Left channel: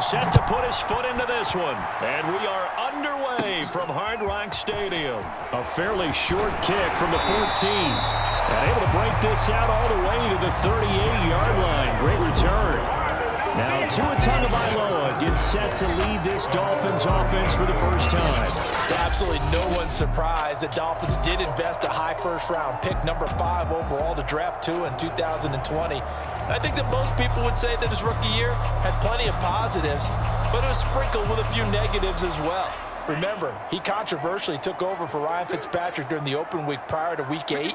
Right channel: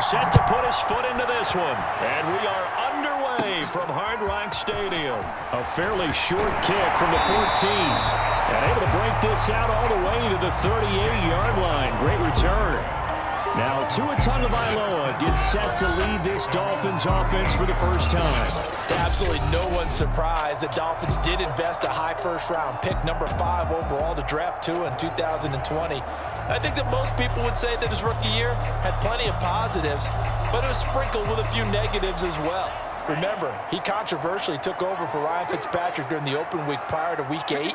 set to put his foot into this one. And we are underway from Hard Rock Stadium. A fairly short kick from the 14. And able to break this out all the way to the 38-yard line. Great return. Now Tua Tagovailoa gets set to lead this Dolphins offense for the first time. Absolutely no one's surprised. The Dolphins did invest a high first-round pick, number 5 overall, to draft Tua in 2020. And I think that most people would say that his rookie year had plenty of positives, but it was sprinkled with a few negatives as well. Remember, he controversially took over for Ryan Fitzpatrick during the open week prior to Week 8.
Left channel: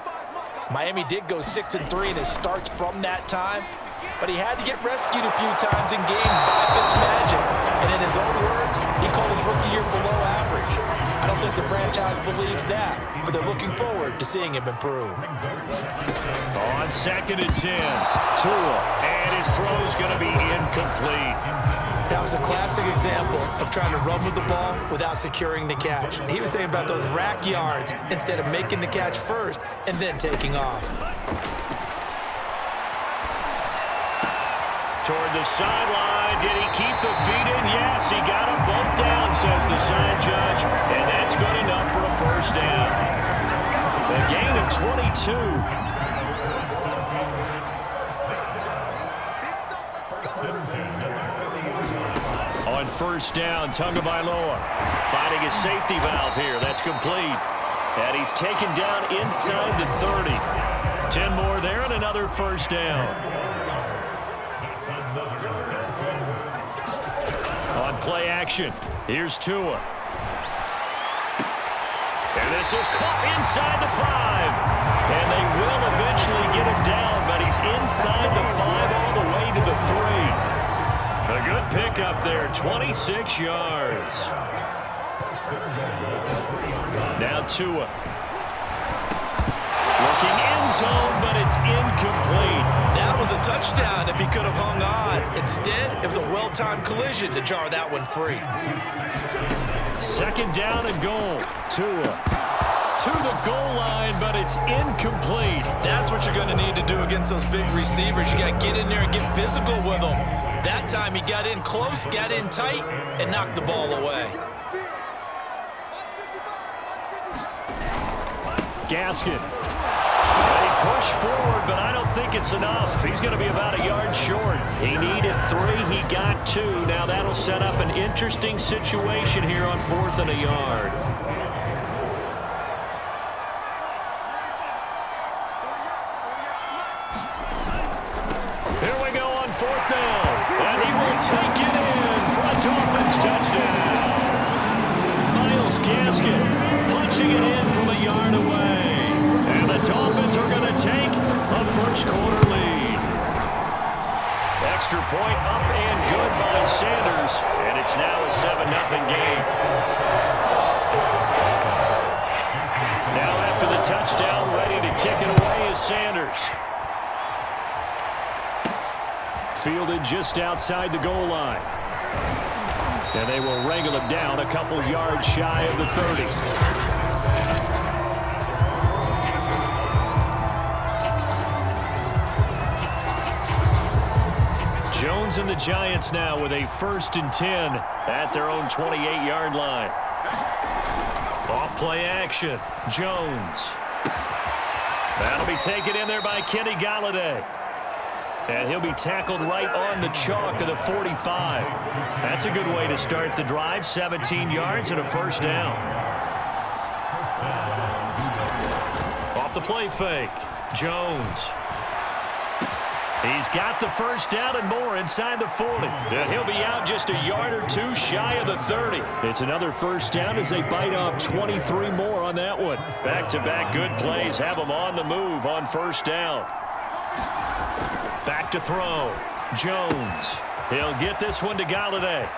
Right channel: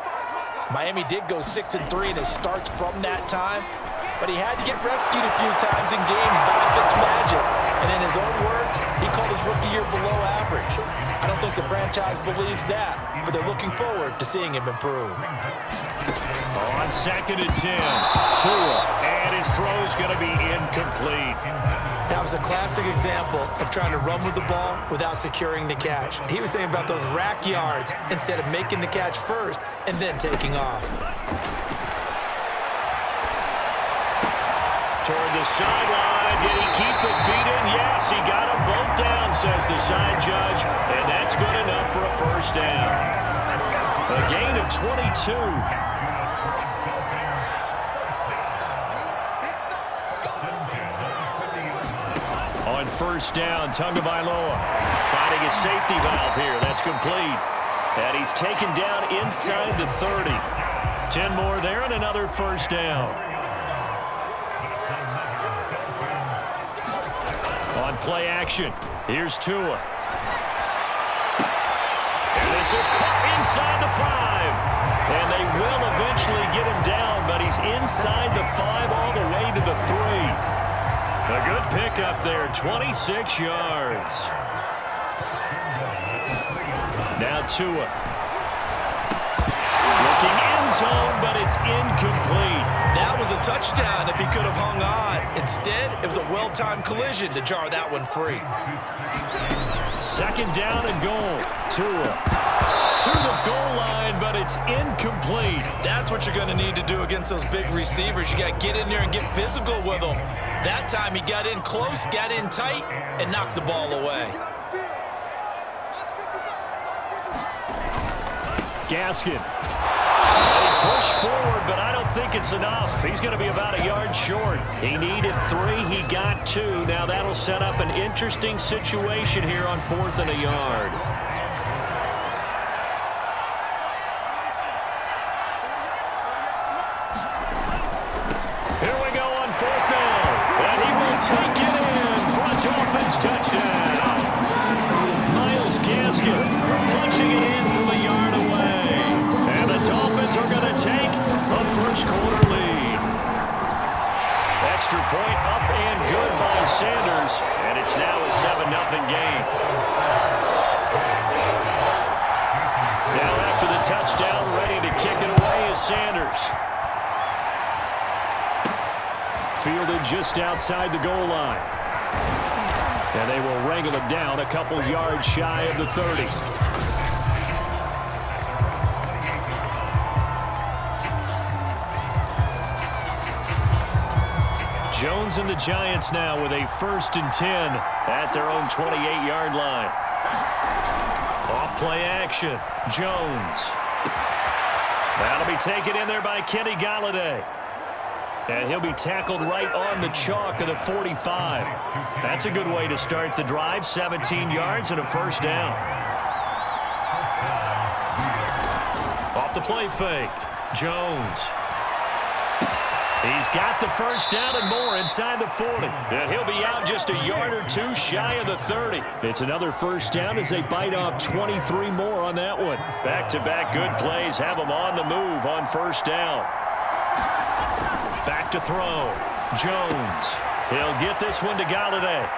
Miami did go 6-3 in his starts from that time, but he had to get rescued a few times in games by Fitzmagic. And in his own words, he called his rookie year below average. I don't think the franchise believes that, but they're looking forward to seeing him improve. On 2nd and 10, Tua, and his throw's going to be incomplete. That was a classic example of trying to run with the ball without securing the catch. He was thinking about those rack yards instead of making the catch first and then taking off. Toward the sideline. Did he keep the feet in? Yes, he got them both down, says the side judge. And that's good enough for a first down. A gain of 22. On first down, Tagovailoa finding his safety valve here. That's complete. And he's taken down inside the 30. 10 more there and another first down. On play action, here's Tua. And this is caught inside the 5. And they will eventually get him down, but he's inside the 5 all the way to the 3. A good pickup there, 26 yards. Now Tua. Looking end zone, but it's incomplete. That was a touchdown if he could have hung on. Instead, it was a well-timed collision to jar that one free. 2nd down and goal. Tua to the goal line, but it's incomplete. That's what you're going to need to do against those big receivers. You got to get in there and get physical with them. That time he got in close, got in tight, and knocked the ball away. Gaskin. He pushed forward, but I don't think it's enough. He's going to be about a yard short. He needed 3. He got 2. Now that'll set up an interesting situation here on 4th and a yard. Here we go on 4th down. And he will take it in for a Dolphins touchdown. Myles Gaskin punching it in from a yard away. And the Dolphins are going to take a first-quarter lead. Extra point up and good by Sanders. And it's now a 7-0 game. Now after the touchdown, ready to kick it away is Sanders. Fielded just outside the goal line. And they will wrangle him down a couple yards shy of the 30. Jones and the Giants now with a 1st and 10 at their own 28-yard line. Off play action. Jones. That'll be taken in there by Kenny Golladay. And he'll be tackled right on the chalk of the 45. That's a good way to start the drive. 17 yards and a first down. Off the play fake. Jones. He's got the first down and more inside the 40. And he'll be out just a yard or 2 shy of the 30. It's another first down as they bite off 23 more on that one. Back-to-back good plays have them on the move on first down. Back to throw. Jones. He'll get this one to Golladay.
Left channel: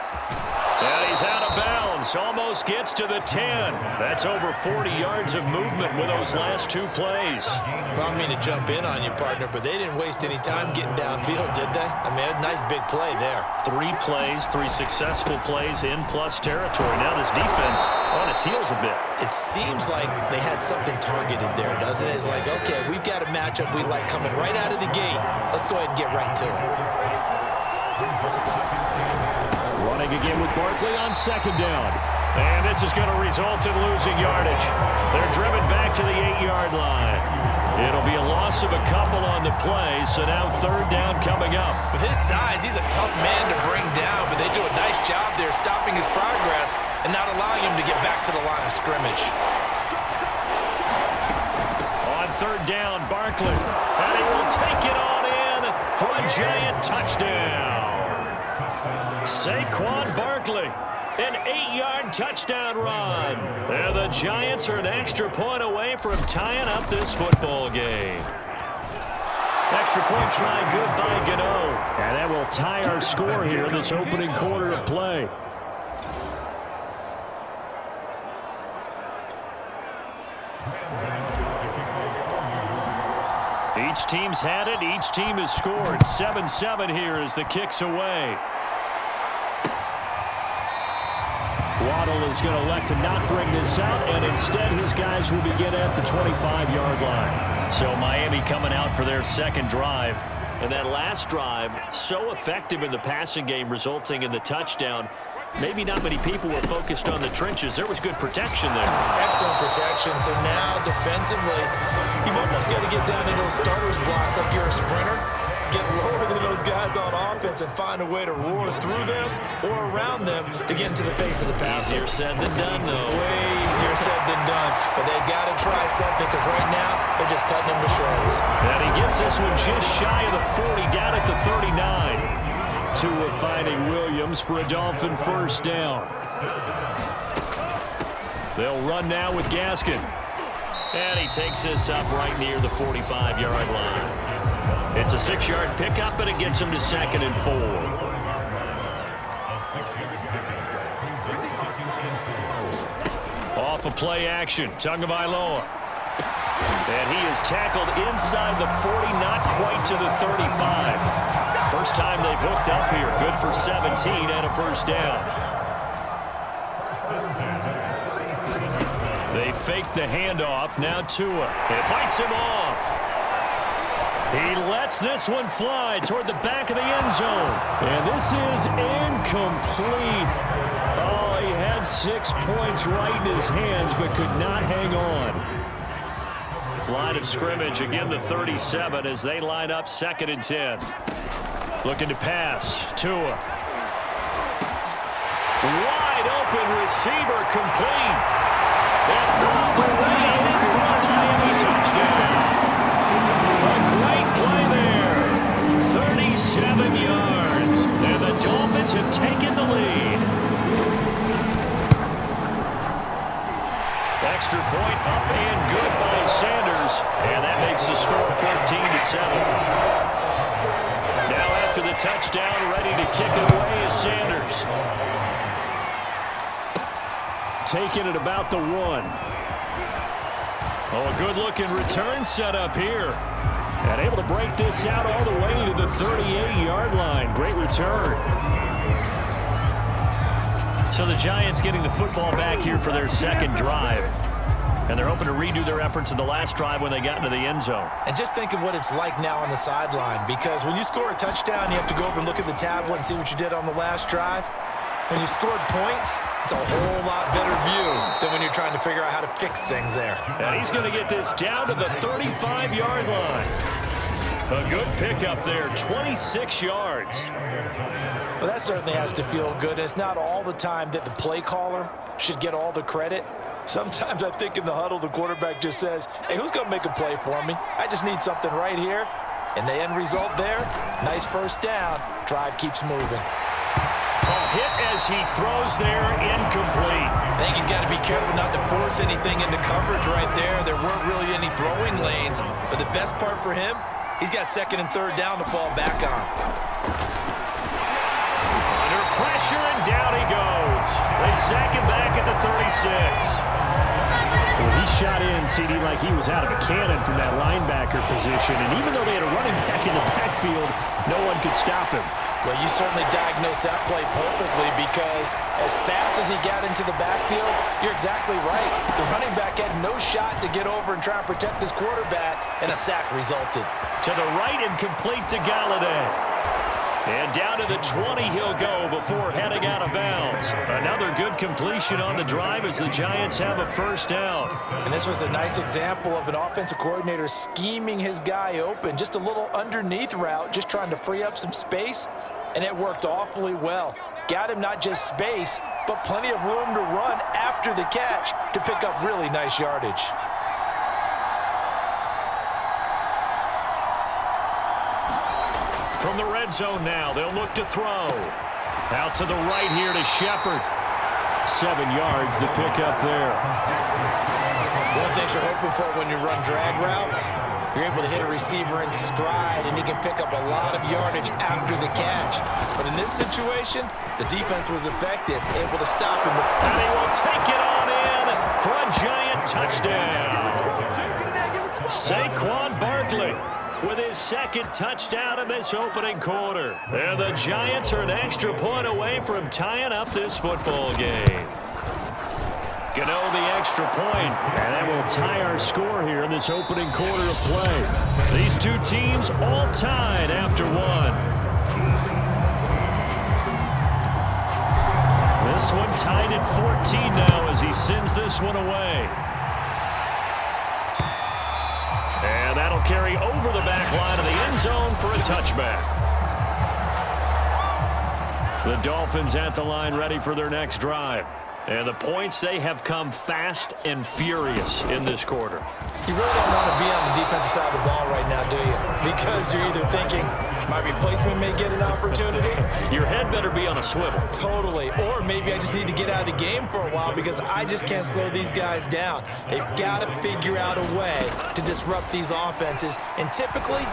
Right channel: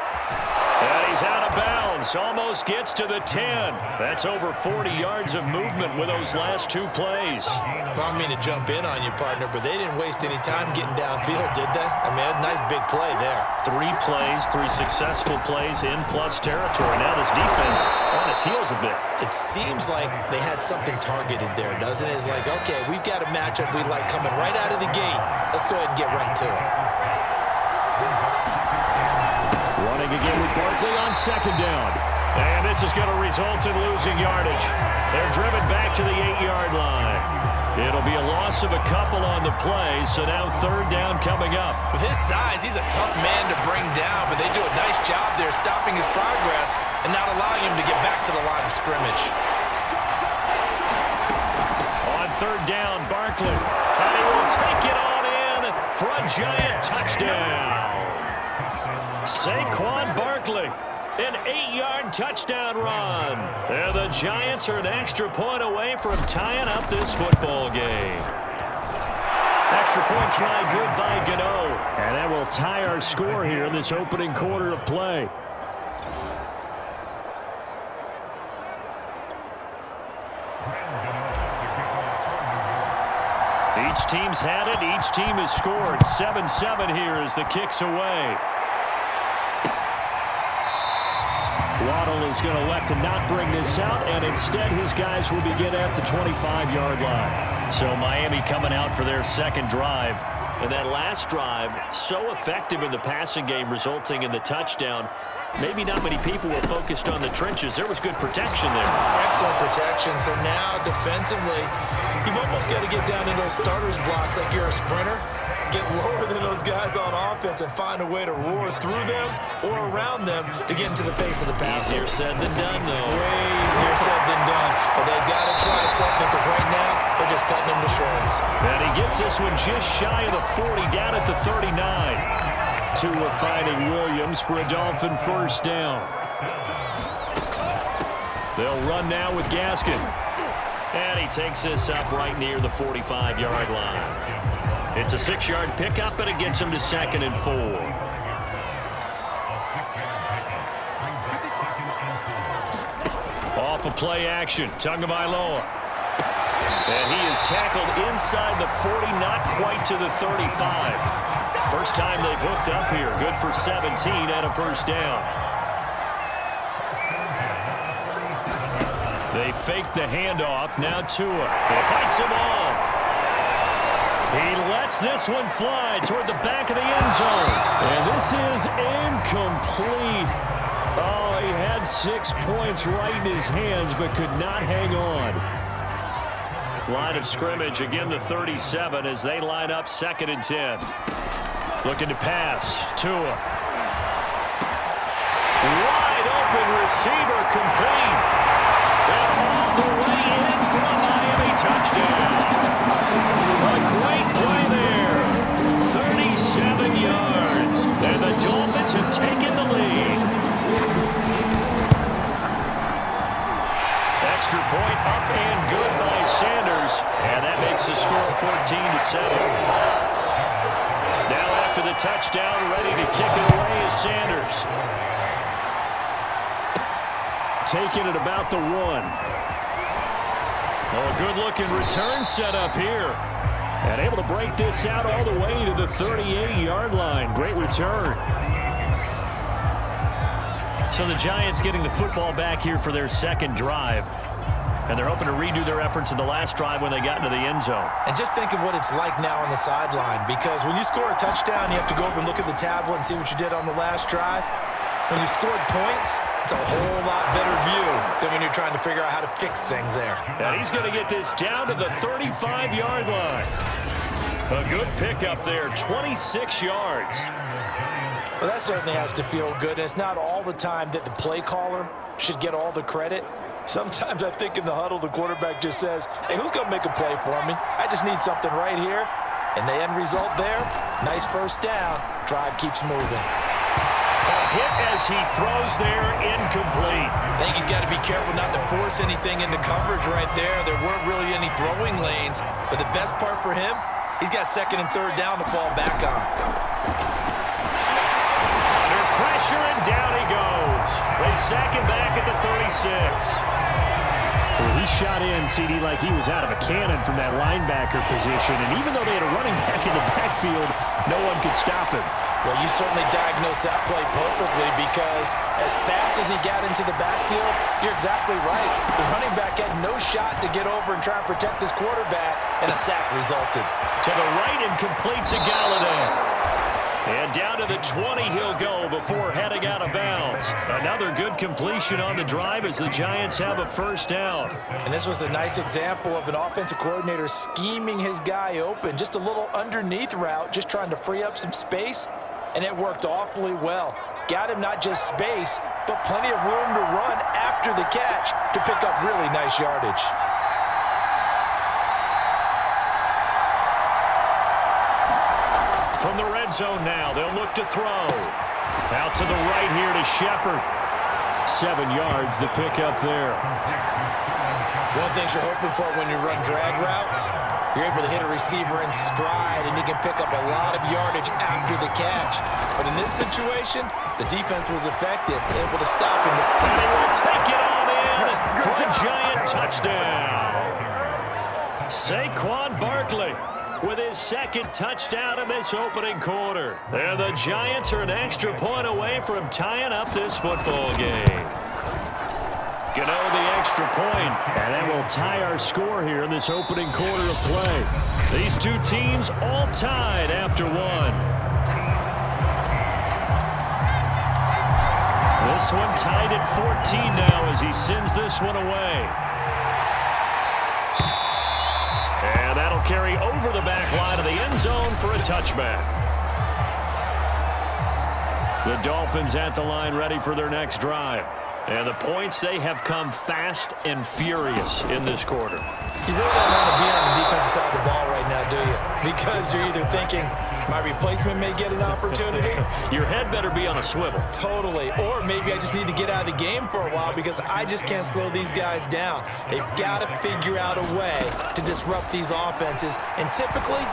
And he's out of bounds. Almost gets to the 10. That's over 40 yards of movement with those last 2 plays. I don't mean to jump in on you, partner, but they didn't waste any time getting downfield, did they? I mean, a nice big play there. 3 plays, 3 successful plays in plus territory. Now this defense on its heels a bit. It seems like they had something targeted there, doesn't it? It's like, okay, we've got a matchup we like coming right out of the gate. Let's go ahead and get right to it. Running again with Barkley on second down. And this is going to result in losing yardage. They're driven back to the 8-yard line. It'll be a loss of a couple on the play, so now third down coming up. With his size, he's a tough man to bring down, but they do a nice job there stopping his progress and not allowing him to get back to the line of scrimmage. On third down, Barkley. And he will take it on in for a giant touchdown. Saquon Barkley. An 8-yard touchdown run. And the Giants are an extra point away from tying up this football game. Extra point try good by Gano. And that will tie our score here in this opening quarter of play. Each team's had it. Each team has scored. 7-7 here as the kick's away. Waddle is going to elect to not bring this out, and instead his guys will begin at the 25-yard line. So Miami coming out for their second drive. And that last drive, so effective in the passing game, resulting in the touchdown. Maybe not many people were focused on the trenches. There was good protection there. Excellent protection. So now defensively, you've almost got to get down in those starters blocks like you're a sprinter. Get lower than those guys on offense and find a way to roar through them or around them to get into the face of the pass. Easier said than done, though. Way easier said than done. But they've got to try something because right now they're just cutting them to shreds. And he gets this one just shy of the 40, down at the 39. Tua finding Williams for a Dolphin first down. They'll run now with Gaskin. And he takes this up right near the 45-yard line. It's a 6-yard pickup, and it gets him to 2nd and 4. Off of play action, Tagovailoa. And he is tackled inside the 40, not quite to the 35. First time they've hooked up here. Good for 17 and a first down. They fake the handoff. Now Tua. It fights him off. He lets this one fly toward the back of the end zone. And this is incomplete. Oh, he had 6 points right in his hands, but could not hang on. Line of scrimmage, again the 37 as they line up 2nd and 10. Looking to pass. Tua. Wide open receiver, complete. And all the way in for a Miami touchdown. A great play there. 37 yards. And the Dolphins have taken the lead. Extra point up and good by Sanders. And that makes the score 14-7. Now after the touchdown, ready to kick it away is Sanders. Taking it about the 1. Oh, a good-looking return set up here. And able to break this out all the way to the 38-yard line. Great return. So the Giants getting the football back here for their second drive. And they're hoping to redo their efforts in the last drive when they got into the end zone. And just think of what it's like now on the sideline, because when you score a touchdown, you have to go over and look at the tablet and see what you did on the last drive. When you scored points, it's a whole lot better view than when you're trying to figure out how to fix things there. And he's going to get this down to the 35-yard line. A good pickup there, 26 yards. Well, that certainly has to feel good. And it's not all the time that the play caller should get all the credit. Sometimes I think in the huddle, the quarterback just says, hey, who's going to make a play for me? I just need something right here. And the end result there, nice first down. Drive keeps moving. A hit as he throws there, incomplete. I think he's got to be careful not to force anything into coverage right there. There weren't really any throwing lanes. But the best part for him, he's got 2nd and 3rd down to fall back on. Under pressure, and down he goes. They sack him back at the 36. Well, he shot in, CD, like he was out of a cannon from that linebacker position. And even though they had a running back in the backfield, no one could stop him. Well, you certainly diagnosed that play perfectly, because as fast as he got into the backfield, you're exactly right. The running back had no shot to get over and try and protect his quarterback, and a sack resulted. To the right and complete to Galladay. And down to the 20 he'll go before heading out of bounds. Another good completion on the drive as the Giants have a first down. And this was a nice example of an offensive coordinator scheming his guy open. Just a little underneath route, just trying to free up some space, and it worked awfully well. Got him not just space, but plenty of room to run after the catch to pick up really nice yardage. From the red zone now, they'll look to throw. Out to the right here to Shepard. 7 yards to pick up there. One thing you're hoping for when you run drag routes, you're able to hit a receiver in stride, and he can pick up a lot of yardage after the catch. But in this situation, the defense was effective, able to stop him. And he will take it on in for a Giant touchdown. Saquon Barkley with his second touchdown in this opening quarter. And the Giants are an extra point away from tying up this football game. Gano the extra point, and that will tie our score here in this opening quarter of play. These two teams all tied after one. This one tied at 14 now as he sends this one away. And that'll carry over the back line of the end zone for a touchback. The Dolphins at the line ready for their next drive. And the points, they have come fast and furious in this quarter. You really don't want to be on the defensive side of the ball right now, do you? Because you're either thinking, my replacement may get an opportunity. Your head better be on a swivel. Totally. Or maybe I just need to get out of the game for a while because I just can't slow these guys down. They've got to figure out a way to disrupt these offenses. And typically,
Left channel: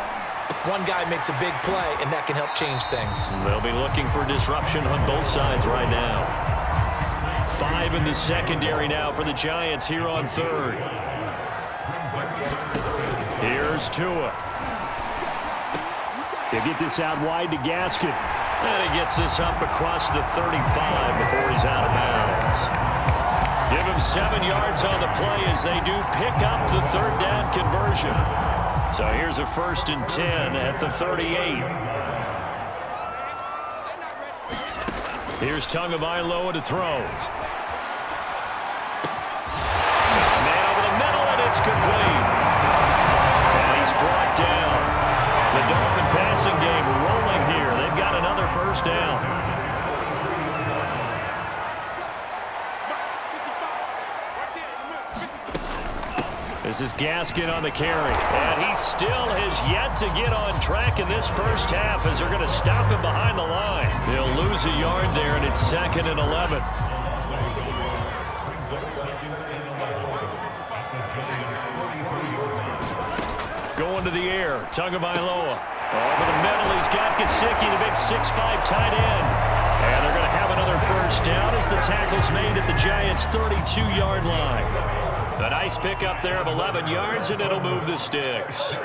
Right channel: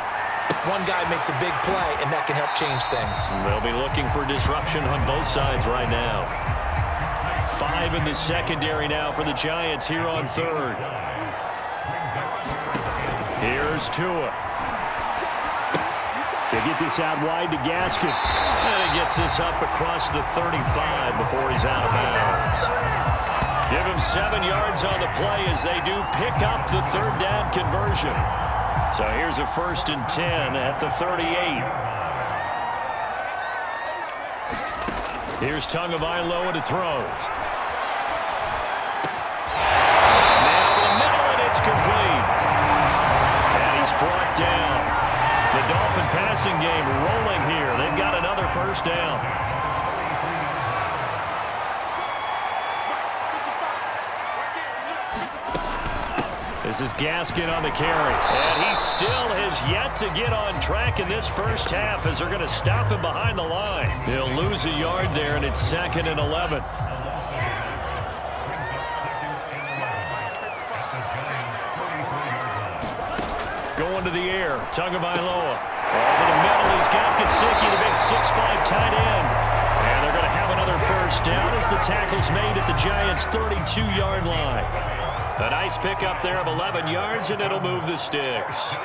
one guy makes a big play, and that can help change things. They'll be looking for disruption on both sides right now. 5 in the secondary now for the Giants here on third. Here's Tua. They get this out wide to Gaskin. And he gets this up across the 35 before he's out of bounds. Give him 7 yards on the play as they do pick up the third down conversion. So here's a 1st and 10 at the 38. Here's Tagovailoa to throw. Man over the middle, and it's complete. And he's brought down. The Dolphin passing game rolling here. They've got another first down. This is Gaskin on the carry. And he still has yet to get on track in this first half as they're going to stop him behind the line. They'll lose a yard there, and it's 2nd and 11. Going to the air, Tagovailoa. Over the middle, he's got Gesicki, the big 6'5" tight end. And they're going to have another first down as the tackle's made at the Giants' 32-yard line. A nice pickup there of 11 yards, and it'll move the sticks.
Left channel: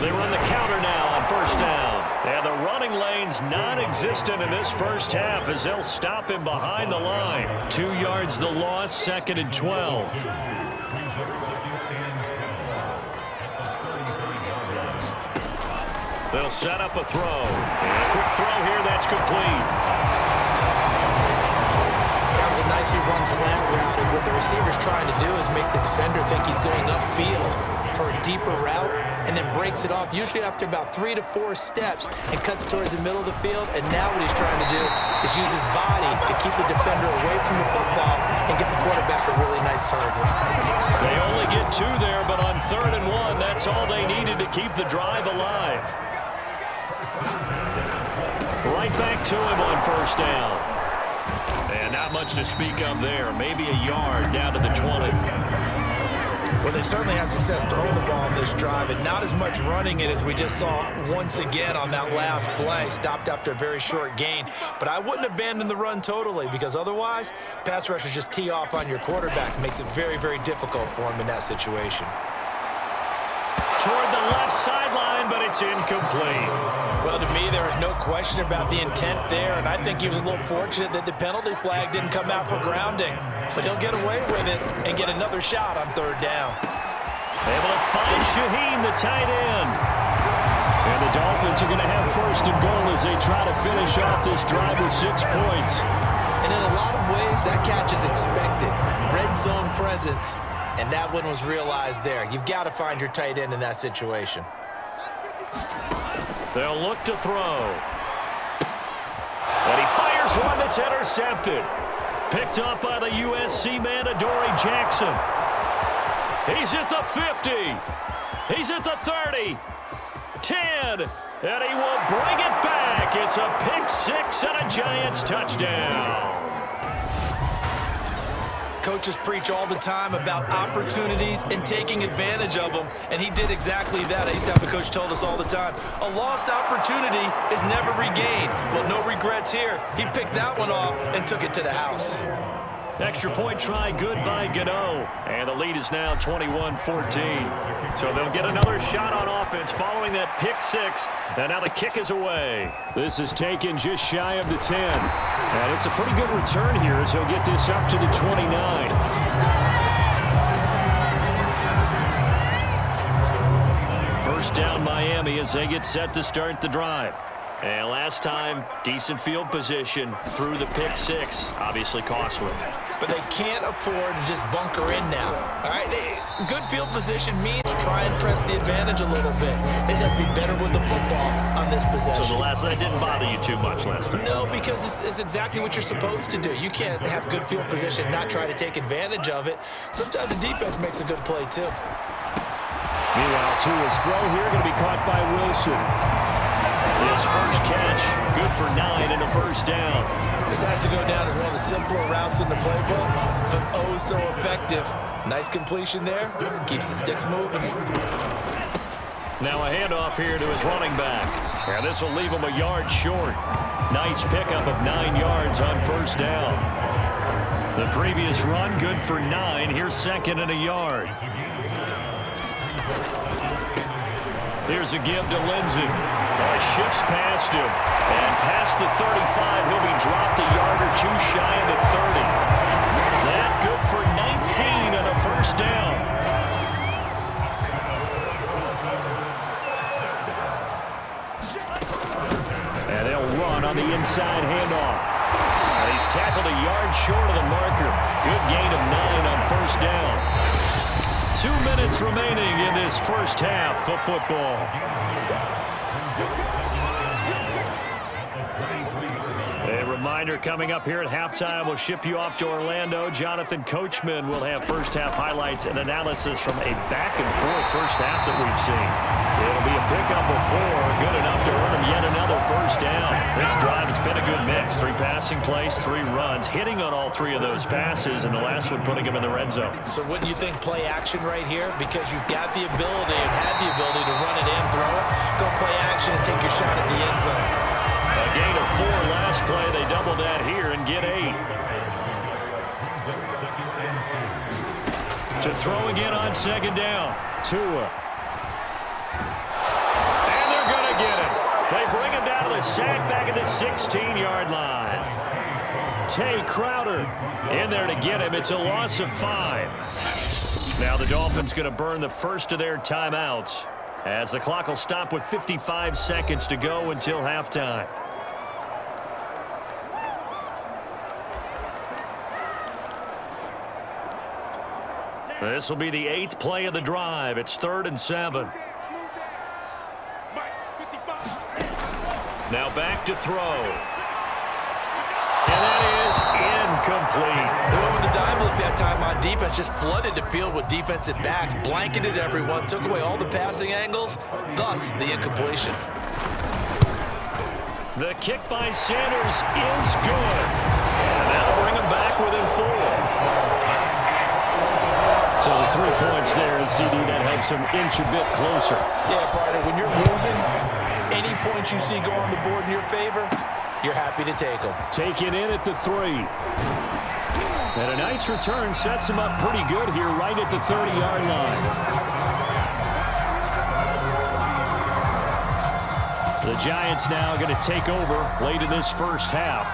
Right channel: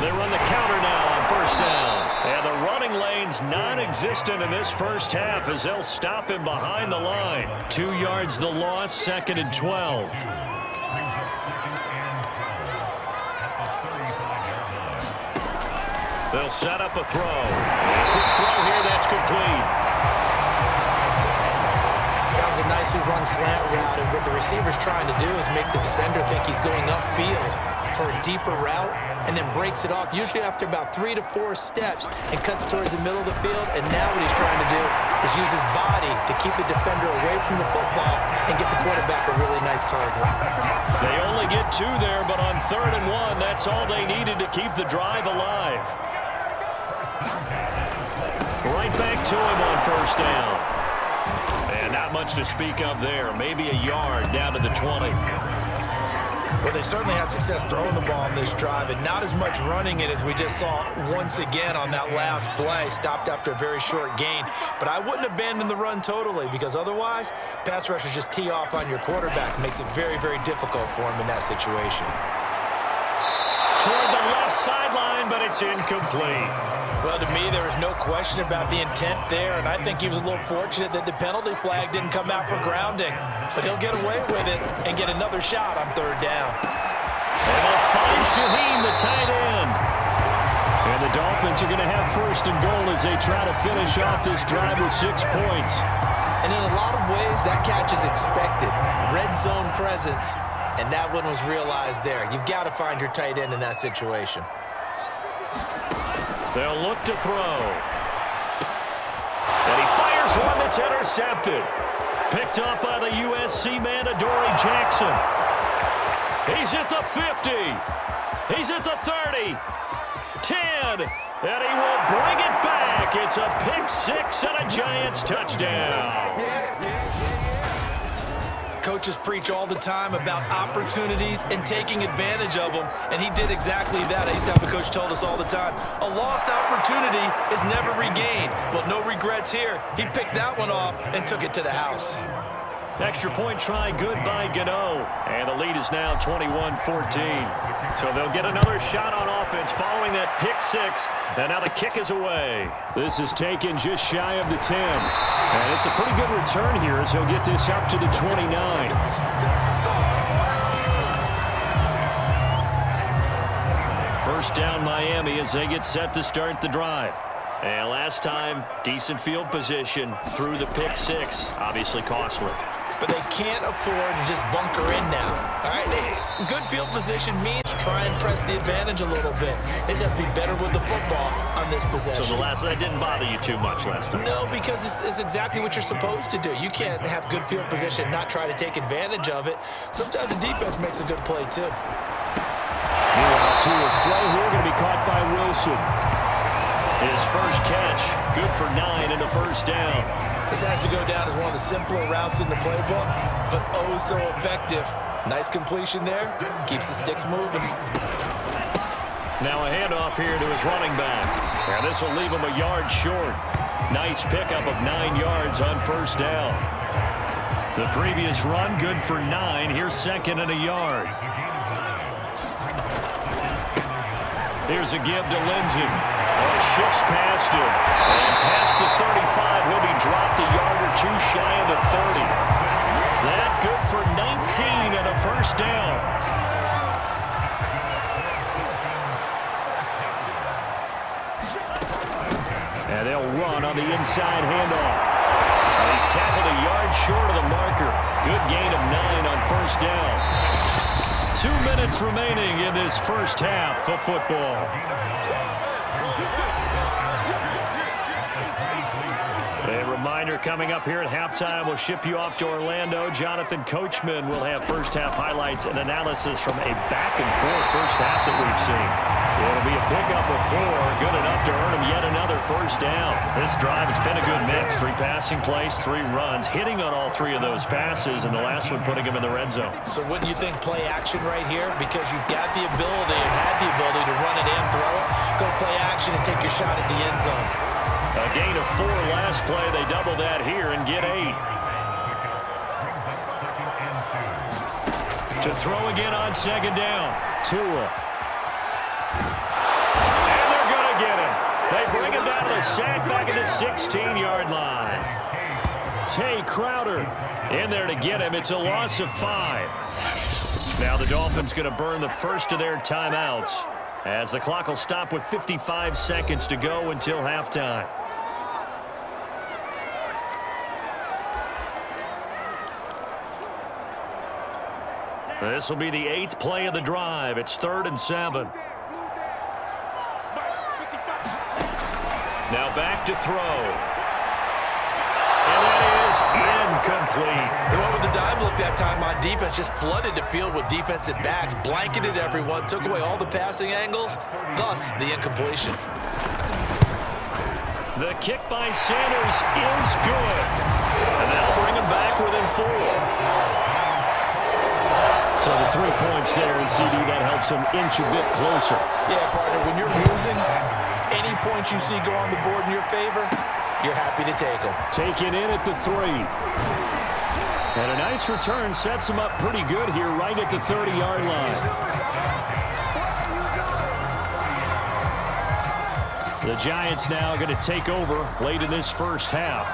They run the counter now on first down. And the running lane's non-existent in this first half as they'll stop him behind the line. 2 yards the loss, 2nd and 12. They'll set up a throw. And a quick throw here, that's complete. That was a nicely run slant route, and what the receiver's trying to do is make the defender think he's going upfield for a deeper route, and then breaks it off, usually after about 3 to 4 steps, and cuts towards the middle of the field. And now what he's trying to do is use his body to keep the defender away from the football and get the quarterback a really nice target. They only get 2 there, but on 3rd and 1, that's all they needed to keep the drive alive. Right back to him on first down. And not much to speak of there. Maybe a yard down to the 20. Well, they certainly had success throwing the ball on this drive, and not as much running it as we just saw once again on that last play. Stopped after a very short gain. But I wouldn't abandon the run totally, because otherwise, pass rushers just tee off on your quarterback. Makes it very, very difficult for him in that situation. Toward the left sideline, but it's incomplete. Well, to me, there was no question about the intent there, and I think he was a little fortunate that the penalty flag didn't come out for grounding. But he'll get away with it and get another shot on 3rd down. Able to find Shaheen, the tight end. And the Dolphins are going to have first and goal as they try to finish off this drive with 6 points. And in a lot of ways, that catch is expected. Red zone presence, and that one was realized there. You've got to find your tight end in that situation. They'll look to throw. And he fires one that's intercepted. Picked up by the USC man, Adoree Jackson. He's at the 50. He's at the 30. 10. And he will bring it back. It's a pick six and a Giants touchdown. Coaches preach all the time about opportunities and taking advantage of them, and he did exactly that. I used to have a coach told us all the time, a lost opportunity is never regained. Well, no regrets here. He picked that one off and took it to the house. Extra point try good by Gano. And the lead is now 21-14. So they'll get another shot on offense following that pick six. And now the kick is away. This is taken just shy of the 10. And it's a pretty good return here as he'll get this up to the 29. First down Miami as they get set to start the drive. And last time, decent field position through the pick six. Obviously costly. But they can't afford to just bunker in now. All right, good field position means try and press the advantage a little bit. They just have to be better with the football on this possession. So that didn't bother you too much last time? No, because it's exactly what you're supposed to do. You can't have good field position, not try to take advantage of it. Sometimes the defense makes a good play, too. Meanwhile, Tua's throw here going to be caught by Wilson. His first catch, good for 9 and a first down. This has to go down as one of the simpler routes in the playbook, but oh so effective. Nice completion there. Keeps the sticks moving. Now a handoff here to his running back. And this will leave him a yard short. Nice pickup of 9 yards on first down. The previous run, good for 9. Here's second and a yard. Here's a give to Lindsey. Oh, he shifts past him. And past the 35, he'll be dropped a yard or two shy of the 30. That good for 19 and a first down. And they'll run on the inside handoff. And he's tackled a yard short of the marker. Good gain of 9 on first down. 2 minutes remaining in this first half of football. A reminder coming up here at halftime, we'll ship you off to Orlando. Jonathan Coachman will have first half highlights and analysis from a back-and-forth first half that we've seen. It'll be a pickup of 4, good enough to earn him yet another first down. This drive, it's been a good mix. 3 passing plays, 3 runs, hitting on all 3 of those passes, and the last one putting him in the red zone. So wouldn't you think play action right here? Because you've got the ability and had the ability to run it and throw it. Go play action and take your shot at the end zone. A gain of 4 last play. They double that here and get 8. To throw again on second down. Tua. And they're going to get him. They bring him down to the sack back at the 16-yard line. Tay Crowder in there to get him. It's a loss of 5. Now the Dolphins going to burn the first of their timeouts as the clock will stop with 55 seconds to go until halftime. This will be the 8th play of the drive. It's 3rd and 7. Now back to throw. And that is incomplete. They went with the dime look that time on defense, just flooded the field with defensive backs, blanketed everyone, took away all the passing angles, thus the incompletion. The kick by Sanders is good. And that'll bring him back within 4. So the 3 points there, and CD, that helps him inch a bit closer. Yeah, partner, when you're losing, any points you see go on the board in your favor, you're happy to take them. Taken in at the 3. And a nice return sets him up pretty good here right at the 30-yard line. The Giants now going to take over late in this first half.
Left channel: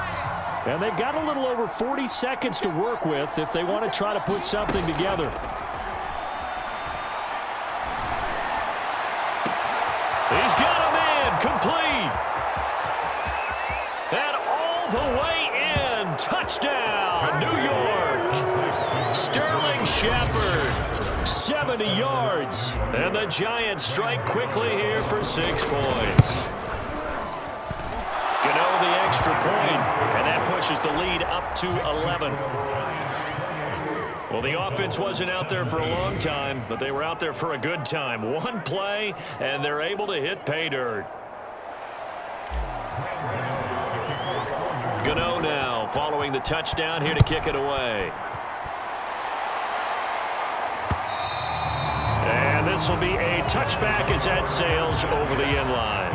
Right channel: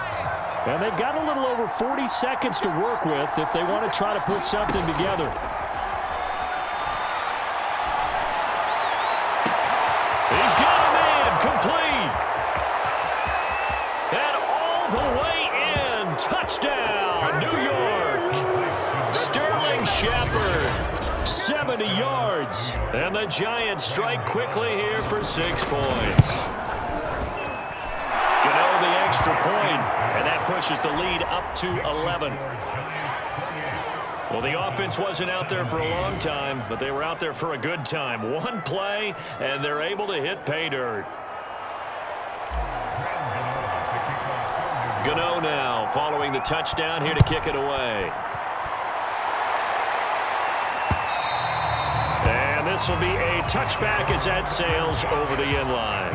And they've got a little over 40 seconds to work with if they want to try to put something together. He's got him in. complete. And all the way in. Touchdown, New York. Sterling Shepard, 70 yards. And the Giants strike quickly here for 6 points. Gano the extra point, and that pushes the lead up to 11. Well, the offense wasn't out there for a long time, but they were out there for a good time. One play, and they're able to hit pay dirt. Gano now following the touchdown here to kick it away. And this will be a touchback as that sails over the end line.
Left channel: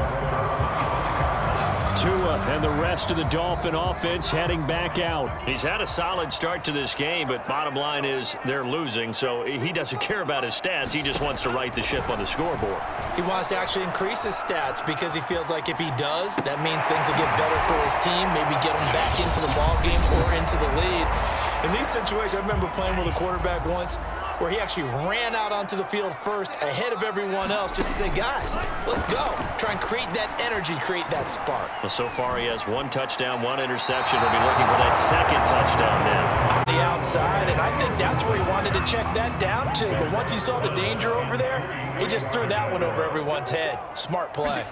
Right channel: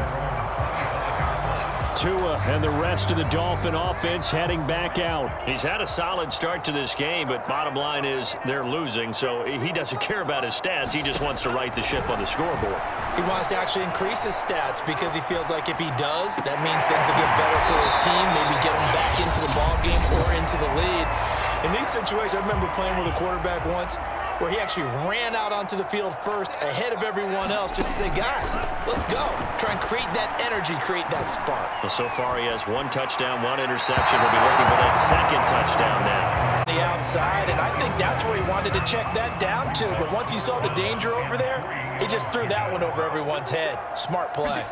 Tua and the rest of the Dolphin offense heading back out. He's had a solid start to this game, but bottom line is they're losing, so he doesn't care about his stats. He just wants to right the ship on the scoreboard. He wants to actually increase his stats because he feels like if he does, that means things will get better for his team, maybe get him back into the ball game or into the lead. In these situations, I remember playing with a quarterback once where he actually ran out onto the field first ahead of everyone else just to say, guys, let's go. Try and create that energy, create that spark. Well, so far he has 1 touchdown, 1 interception. He'll be looking for that second touchdown now. The outside, and I think that's where he wanted to check that down to. But once he saw the danger over there, he just threw that one over everyone's head. Smart play.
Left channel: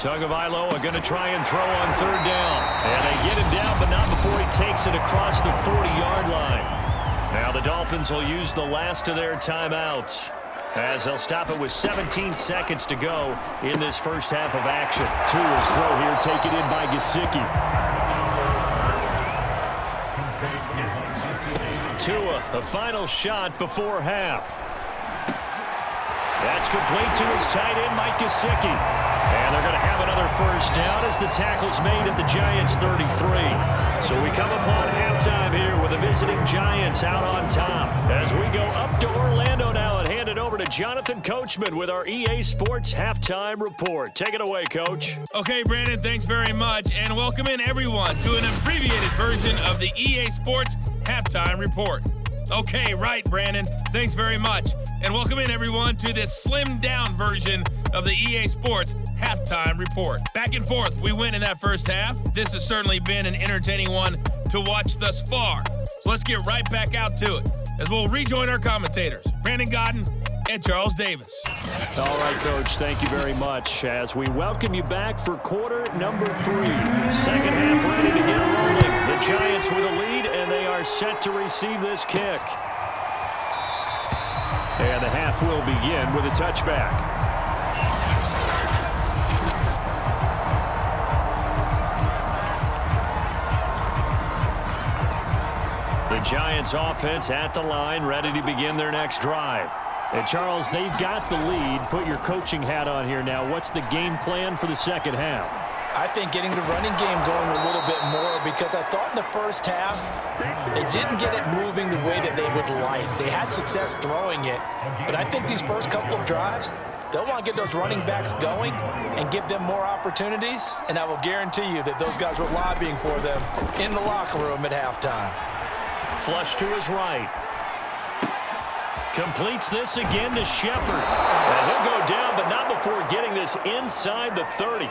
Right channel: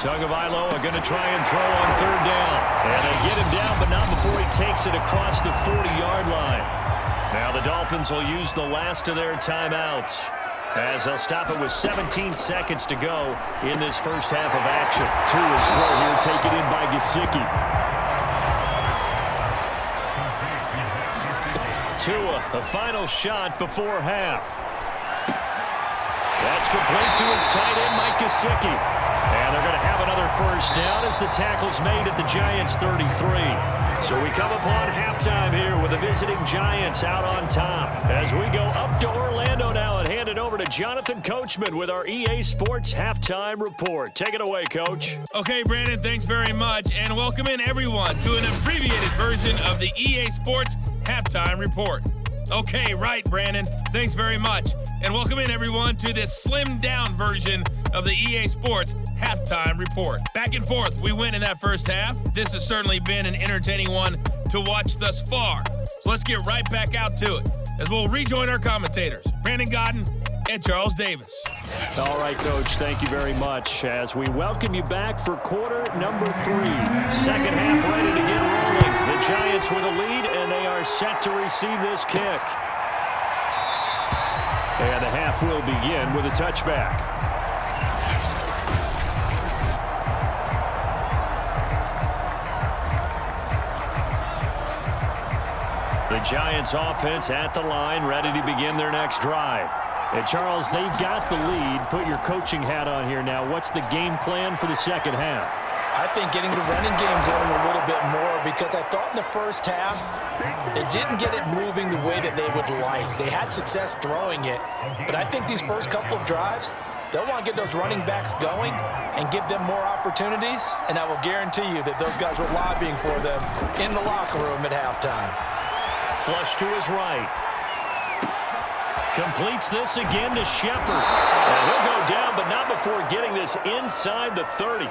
Tagovailoa going to try and throw on 3rd down. And they get him down, but not before he takes it across the 40-yard line. Now the Dolphins will use the last of their timeouts as they'll stop it with 17 seconds to go in this first half of action. Tua's throw here taken in by Gesicki. Tua, the final shot before half. That's complete to his tight end, Mike Gesicki. And they're going to have another first down as the tackle's made at the Giants' 33. So we come upon halftime here with the visiting Giants out on top. As we go up to Orlando now and hand it over to Jonathan Coachman with our EA Sports Halftime Report. Take it away, Coach. Okay, Brandon, thanks very much. And welcome in, everyone, to an abbreviated version of the EA Sports Halftime Report. Okay, right, Brandon. Thanks very much. And welcome in, everyone, to this slimmed-down version of the EA Sports Halftime Report. Back and forth, we win in that first half. This has certainly been an entertaining one to watch thus far. So let's get right back out to it as we'll rejoin our commentators, Brandon Godden and Charles Davis. All right, Coach, thank you very much as we welcome you back for quarter number 3. Second half ready to get rolling. The Giants with a lead, and they are set to receive this kick. And the half will begin with a touchback. The Giants offense at the line, ready to begin their next drive. And Charles, they've got the lead. Put your coaching hat on here now. What's the game plan for the second half? I think getting the running game going a little bit more because I thought in the first half they didn't get it moving the way that they would like. They had success throwing it, but I think these first couple of drives, they'll want to get those running backs going and give them more opportunities, and I will guarantee you that those guys were lobbying for them in the locker room at halftime. Flush to his right. Completes this again to Shepard. And he'll go down, but not before getting this inside the 30.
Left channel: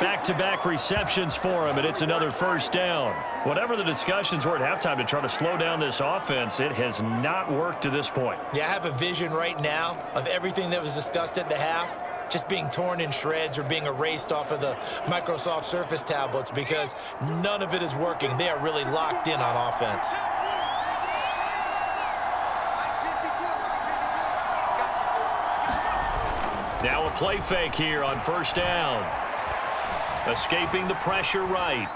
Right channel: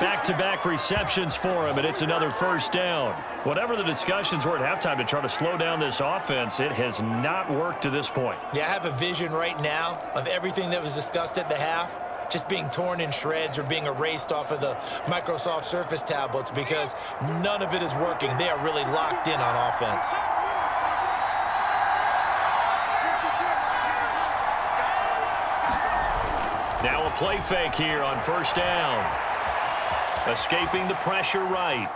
Back-to-back receptions for him, and it's another first down. Whatever the discussions were at halftime to try to slow down this offense, it has not worked to this point. Yeah, I have a vision right now of everything that was discussed at the half just being torn in shreds or being erased off of the Microsoft Surface tablets because none of it is working. They are really locked in on offense. Now a play fake here on first down. Escaping the pressure right.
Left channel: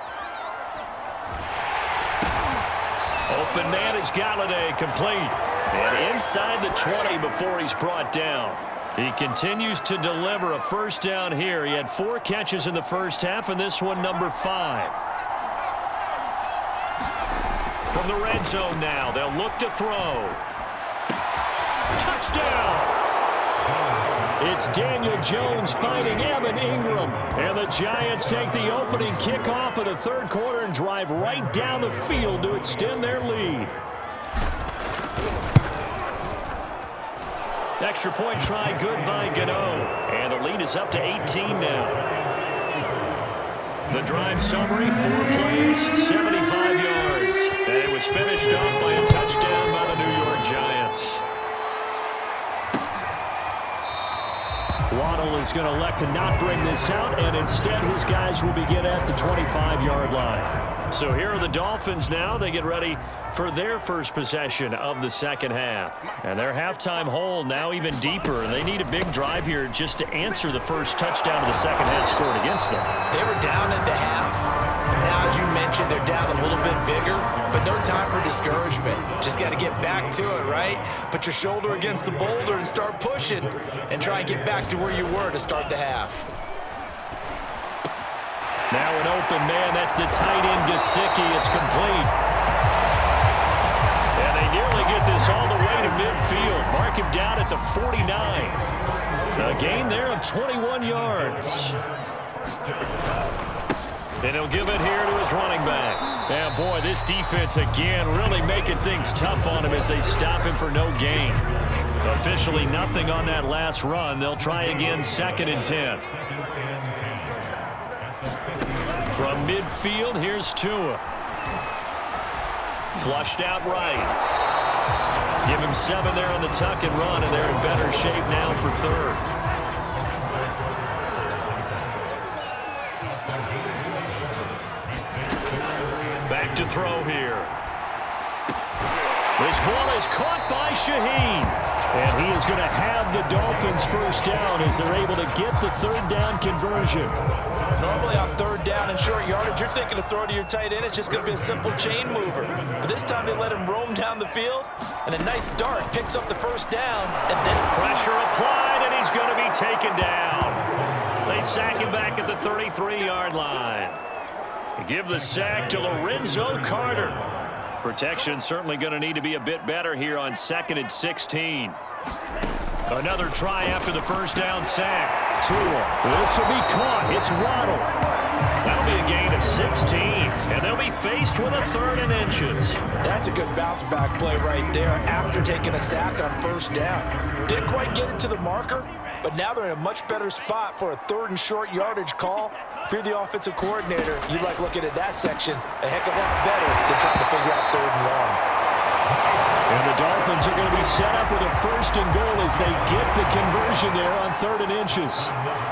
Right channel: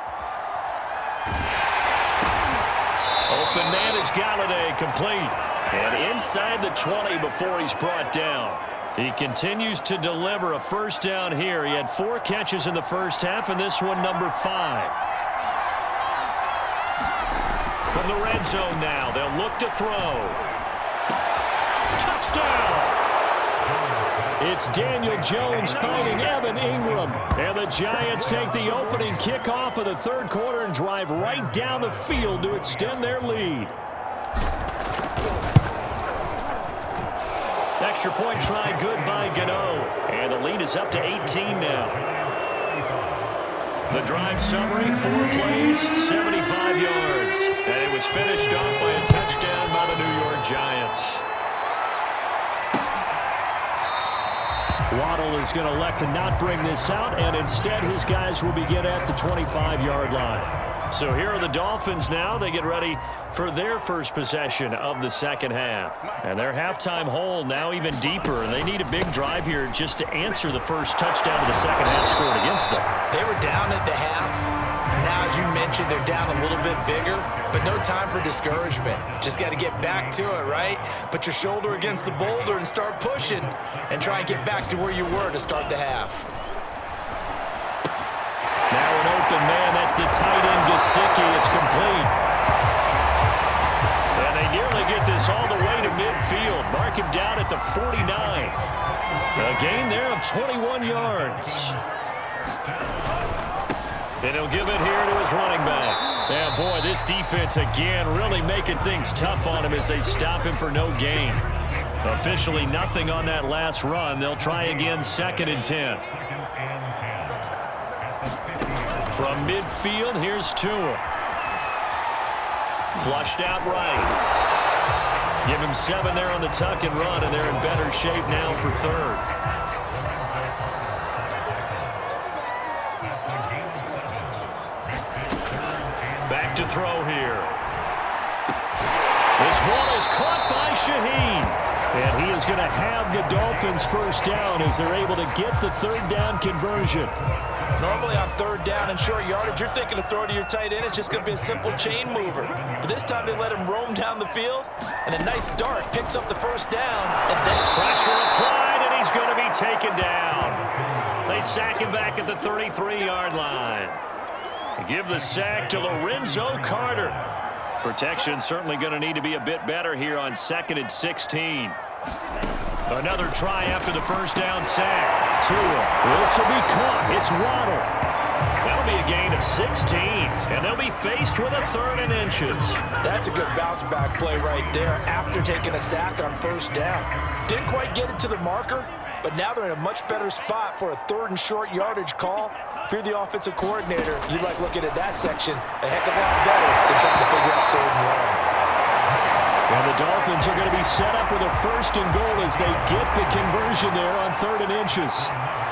Open man is Galladay, complete. And inside the 20 before he's brought down. He continues to deliver a first down here. He had 4 catches in the first half, and this one number 5. From the red zone now, they'll look to throw. Touchdown! It's Daniel Jones finding Evan Ingram. And the Giants take the opening kickoff of the third quarter and drive right down the field to extend their lead. Extra point try good by Gano. And the lead is up to 18 now. The drive summary, 4 plays, 75 yards. And it was finished off by a touchdown by the New York Giants. Waddle is going to elect to not bring this out, and instead his guys will begin at the 25-yard line. So here are the Dolphins now. They get ready for their first possession of the second half. And their halftime hole now even deeper. They need a big drive here just to answer the first touchdown of the second half scored against them. They were down at the half. Now, as you mentioned, they're down a little bit bigger, but no time for discouragement. Just got to get back to it, right? Put your shoulder against the boulder and start pushing and try and get back to where you were to start the half. Now an open man. That's the tight end, Gesicki. It's complete. And they nearly get this all the way to midfield. Mark him down at the 49. A gain there of 21 yards. And he'll give it here to his running back. Yeah, boy, this defense again really making things tough on him as they stop him for no gain. Officially nothing on that last run. They'll try again, 2nd and 10. From midfield, here's Tua. Flushed out right. Give him 7 there on the tuck and run, and they're in better shape now for 3rd. Back to throw here. This ball is caught by Shaheen. And he is going to have the Dolphins first down as they're able to get the 3rd down conversion. Normally on 3rd down and short yardage, you're thinking of throwing to your tight end. It's just going to be a simple chain mover. But this time they let him roam down the field, and a nice dart picks up the first down. And then pressure applied, and he's going to be taken down. They sack him back at the 33-yard line. Give the sack to Lorenzo Carter. Protection certainly going to need to be a bit better here on 2nd and 16. Another try after the first down sack. Tua. This will be caught. It's Waddle. That'll be a gain of 16, and they'll be faced with a 3rd and inches. That's a good bounce back play right there after taking a sack on first down. Didn't quite get it to the marker, but now they're in a much better spot for a 3rd and short yardage call. If you're the offensive coordinator, you like looking at that section a heck of a lot better than trying to figure out 3rd and long. And the Dolphins are going to be set up with a 1st and goal as they get the conversion there on 3rd and inches.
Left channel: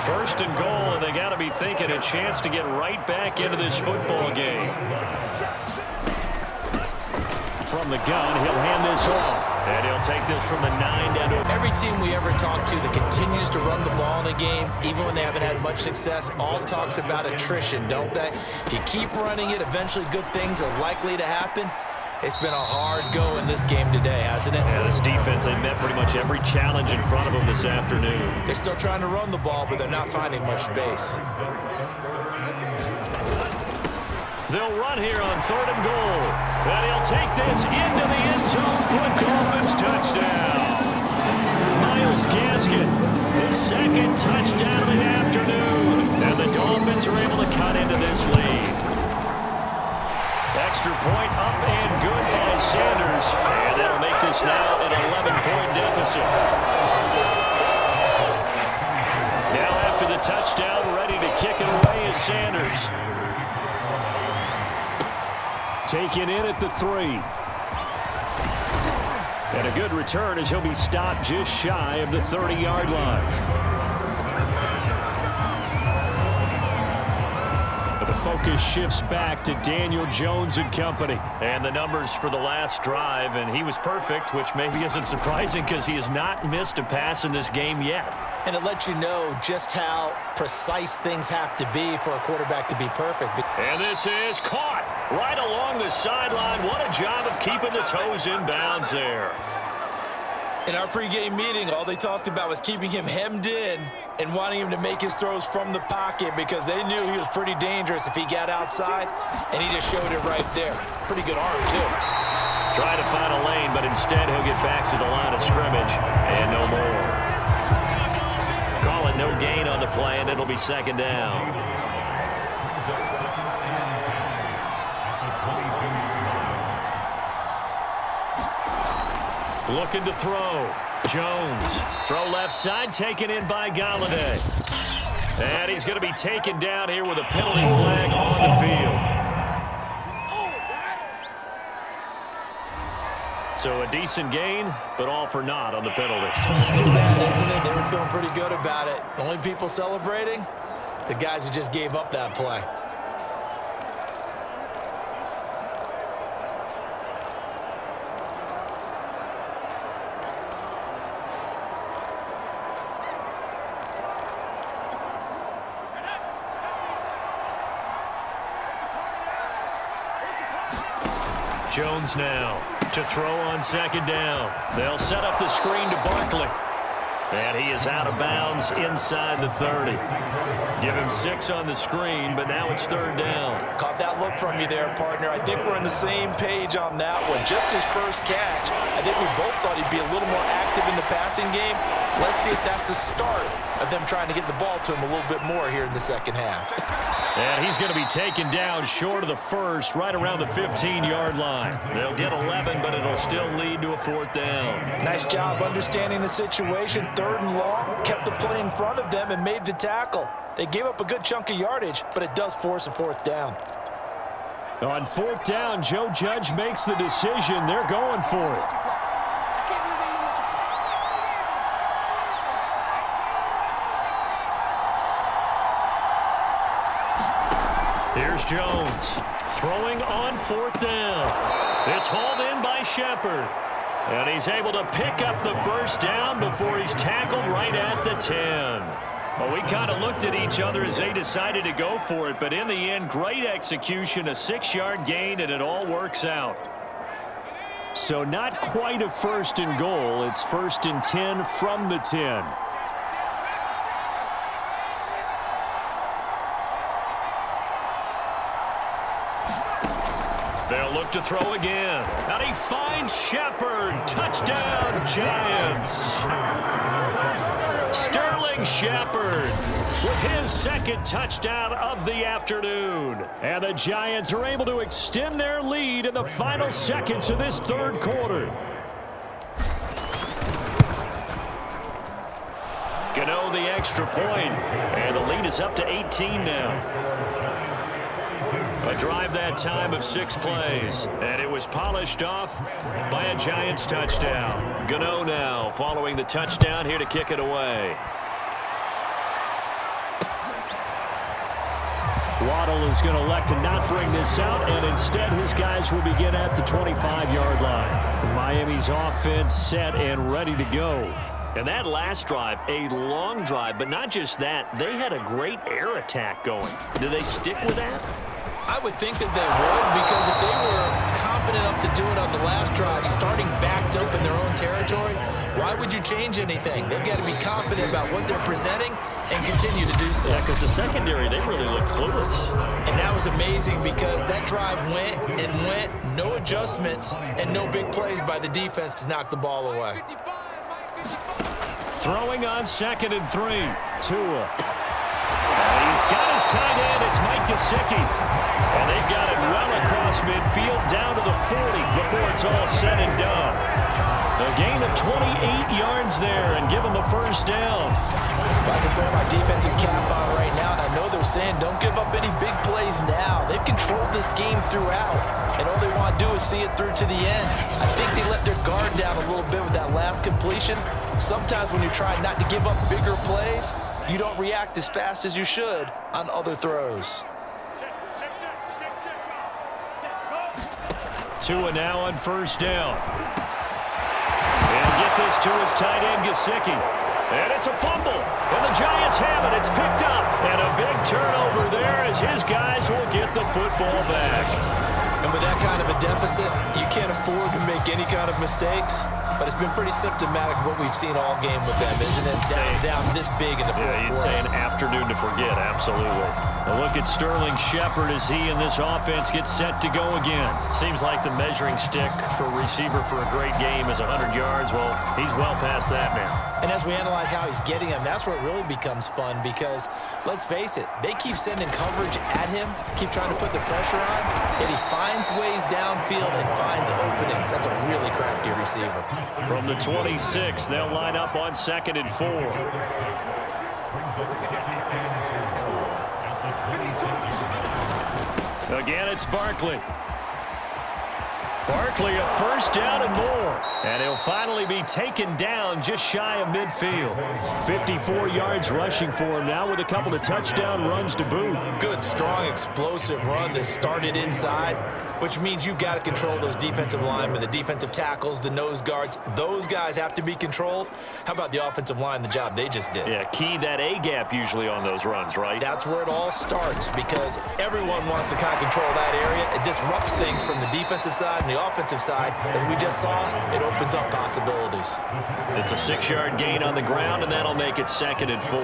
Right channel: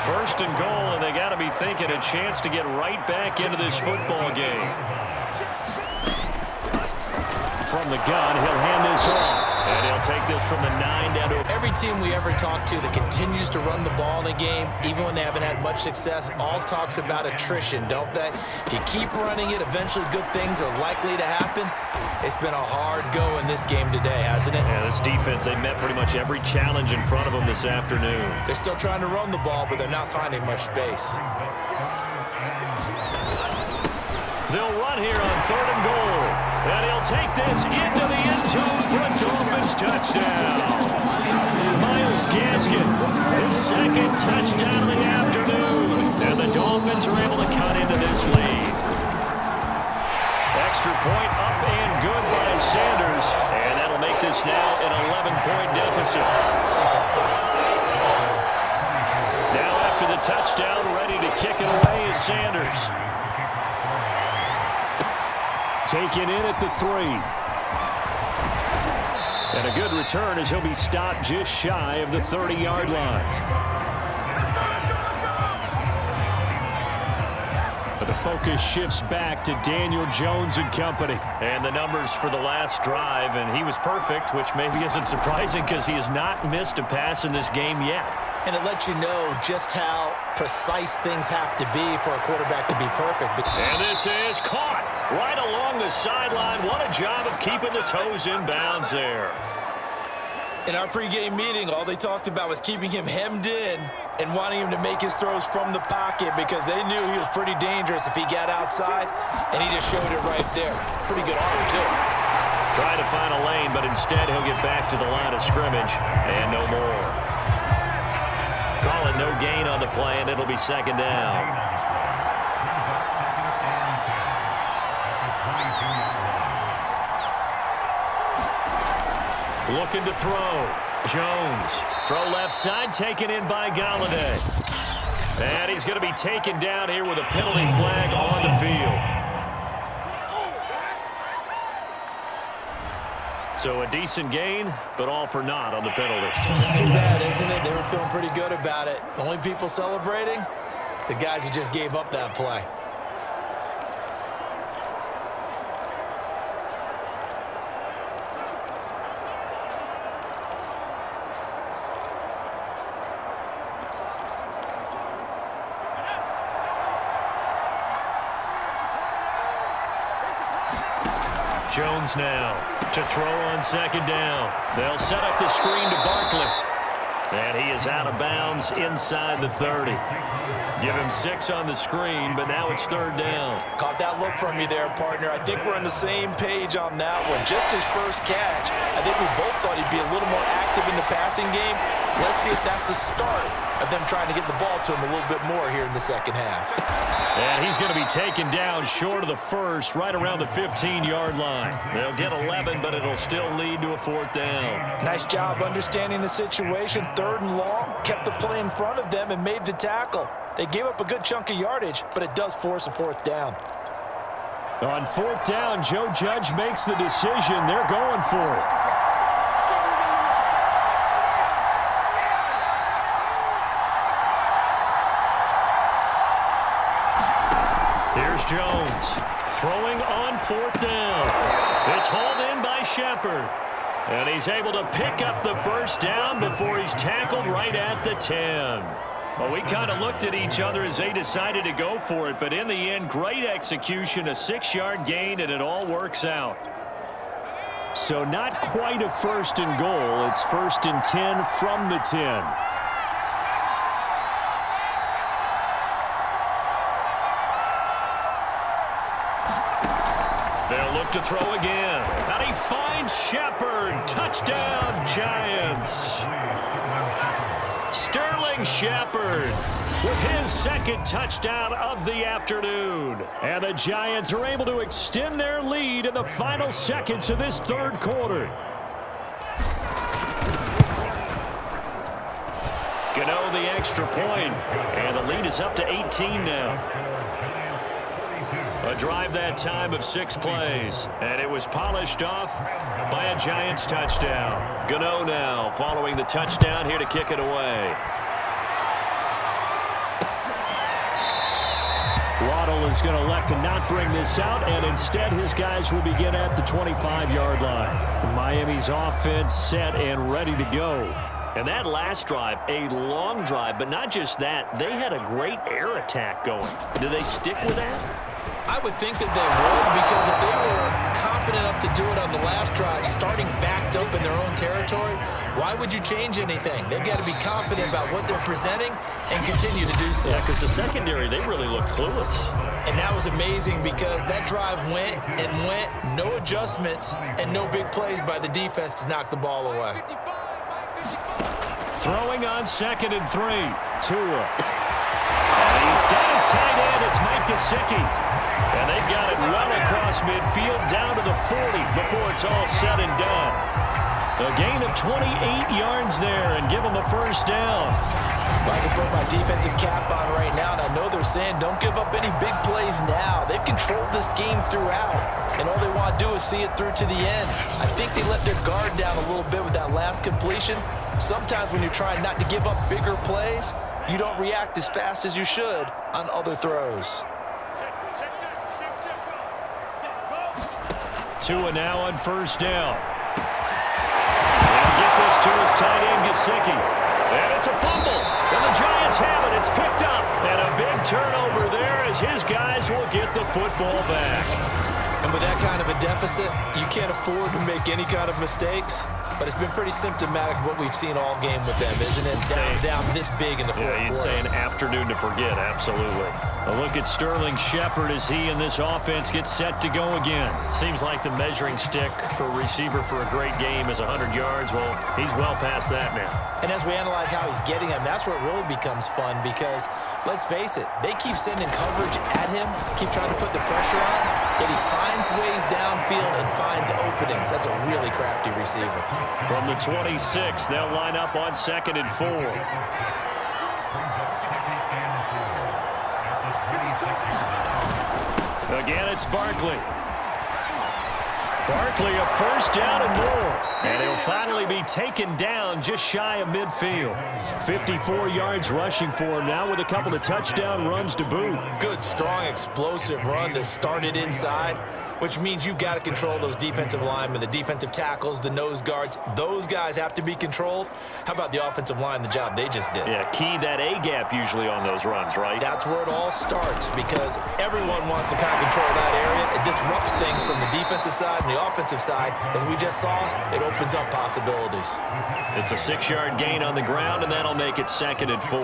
1st and goal, and they got to be thinking a chance to get right back into this football game. From the gun, he'll hand this off. And he'll take this from the 9 down to... Every team we ever talk to that continues to run the ball in a game, even when they haven't had much success, all talks about attrition, don't they? If you keep running it, eventually good things are likely to happen. It's been a hard go in this game today, hasn't it? Yeah, this defense, they met pretty much every challenge in front of them this afternoon. They're still trying to run the ball, but they're not finding much space. They'll run here on 3rd and goal. And he'll take this into the end zone for a Dolphins touchdown. Myles Gaskin, his 2nd touchdown of the afternoon. And the Dolphins are able to cut into this lead. Extra point up and good by Sanders. And that'll make this now an 11-point deficit. Now after the touchdown, ready to kick it away is Sanders. Taken in at the 3. And a good return as he'll be stopped just shy of the 30-yard line. But the focus shifts back to Daniel Jones and company. And the numbers for the last drive, and he was perfect, which maybe isn't surprising because he has not missed a pass in this game yet. And it lets you know just how precise things have to be for a quarterback to be perfect. And this is caught right along the sideline. What a job of keeping the toes in bounds there. In our pregame meeting, all they talked about was keeping him hemmed in and wanting him to make his throws from the pocket because they knew he was pretty dangerous if he got outside, and he just showed it right there. Pretty good arm, too. Try to find a lane, but instead he'll get back to the line of scrimmage and no more. Call it no gain on the play, and it'll be 2nd down. Looking to throw. Jones. Throw left side, taken in by Galladay. And he's going to be taken down here with a penalty flag on the field. So a decent gain, but all for naught on the penalty. It's too bad, isn't it? They were feeling pretty good about it. The only people celebrating? The guys who just gave up that play. Jones now to throw on second down. They'll set up the screen to Barkley. And he is out of bounds inside the 30. Give him 6 on the screen, but now it's third down. Caught that look from you there, partner. I think we're on the same page on that one. Just his first catch. I think we both thought he'd be a little more active in the passing game. Let's see if that's the start of them trying to get the ball to him a little bit more here in the second half. And he's going to be taken down short of the first, right around the 15-yard line. They'll get 11, but it'll still lead to a fourth down. Nice job understanding the situation. Third and long, kept the play in front of them and made the tackle. They gave up a good chunk of yardage, but it does force a fourth down. On fourth down, Joe Judge makes the decision. They're going for it. Here's Jones throwing on fourth down. It's hauled in by Shepard. And he's able to pick up the first down before he's tackled right at the 10. Well, we kind of looked at each other as they decided to go for it, but in the end, great execution, a 6-yard gain, and it all works out. So not quite a first and goal. It's first and 10 from the 10. They'll look to throw again. And he finds Shepard. Touchdown, Giants. Sterling Shepard with his second touchdown of the afternoon. And the Giants are able to extend their lead in the final seconds of this third quarter. Gano the extra point, and the lead is up to 18 now. A drive that time of 6 plays, and it was polished off by a Giants touchdown. Gano now following the touchdown here to kick it away. Waddle is going to elect to not bring this out, and instead his guys will begin at the 25-yard line. Miami's offense set and ready to go. And that last drive, a long drive, but not just that. They had a great air attack going. Do they stick with that? I would think that they would, because if they were competent enough to do it on the last drive, starting backed up in their own territory, why would you change anything? They've got to be confident about what they're presenting and continue to do so. Yeah, because the secondary, they really look clueless. And that was amazing because that drive went and went, no adjustments, and no big plays by the defense to knock the ball away. Throwing on second and 3. Tua. And he's got his tight end. It's Mike Gesicki. And they've got it well across midfield down to the 40 before it's all said and done. A gain of 28 yards there and give them a first down. Well, I can put my defensive cap on right now, and I know they're saying don't give up any big plays now. They've controlled this game throughout, and all they want to do is see it through to the end. I think they let their guard down a little bit with that last completion. Sometimes when you're trying not to give up bigger plays, you don't react as fast as you should on other throws. Tua now on first down. He'll get this to his tight end, Gesicki. And it's a fumble. And the Giants have it. It's picked up. And a big turnover there as his guys will get the football back. And with that kind of a deficit, you can't afford to make any kind of mistakes. But it's been pretty symptomatic of what we've seen all game with them, isn't it? Down this big in the fourth quarter. Yeah, you'd say an afternoon to forget, absolutely. A look at Sterling Shepard as he and this offense get set to go again. Seems like the measuring stick for a receiver for a great game is 100 yards. Well, he's well past that now. And as we analyze how he's getting them, that's where it really becomes fun because, let's face it, they keep sending coverage at him, keep trying to put the pressure on, yet he finds ways downfield and finds openings. That's a really crafty receiver. From the 26, they'll line up on second and 4. Again, it's Barkley. Barkley, a first down and more. And he'll finally be taken down just shy of midfield. 54 yards rushing for him now with a couple of touchdown runs to boot. Good, strong, explosive run that started inside, which means you've got to control those defensive linemen, the defensive tackles, the nose guards. Those guys have to be controlled. How about the offensive line, the job they just did? Yeah, key that A-gap usually on those runs, right? That's where it all starts because everyone wants to kind of control that area. It disrupts things from the defensive side and the offensive side. As we just saw, it opens up possibilities. It's a 6-yard gain on the ground, and that'll make it 2nd and 4.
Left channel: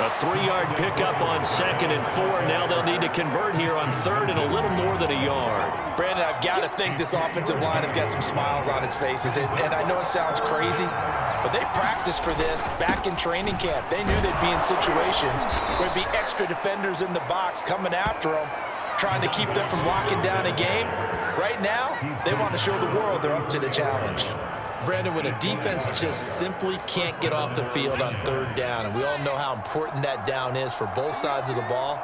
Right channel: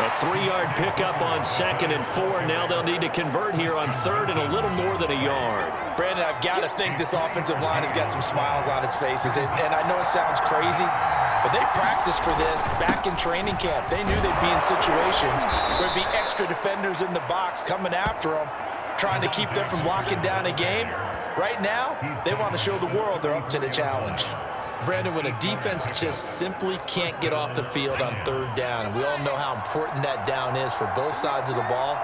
A 3-yard pickup on 2nd and 4. Now they'll need to convert here on 3rd and a little more than a yard. Brandon, I've got to think this offensive line has got some smiles on its faces. And I know it sounds crazy, but they practiced for this back in training camp. They knew they'd be in situations where there'd be extra defenders in the box coming after them, trying to keep them from locking down a game. Right now, they want to show the world they're up to the challenge. Brandon, when a defense just simply can't get off the field on 3rd down, and we all know how important that down is for both sides of the ball,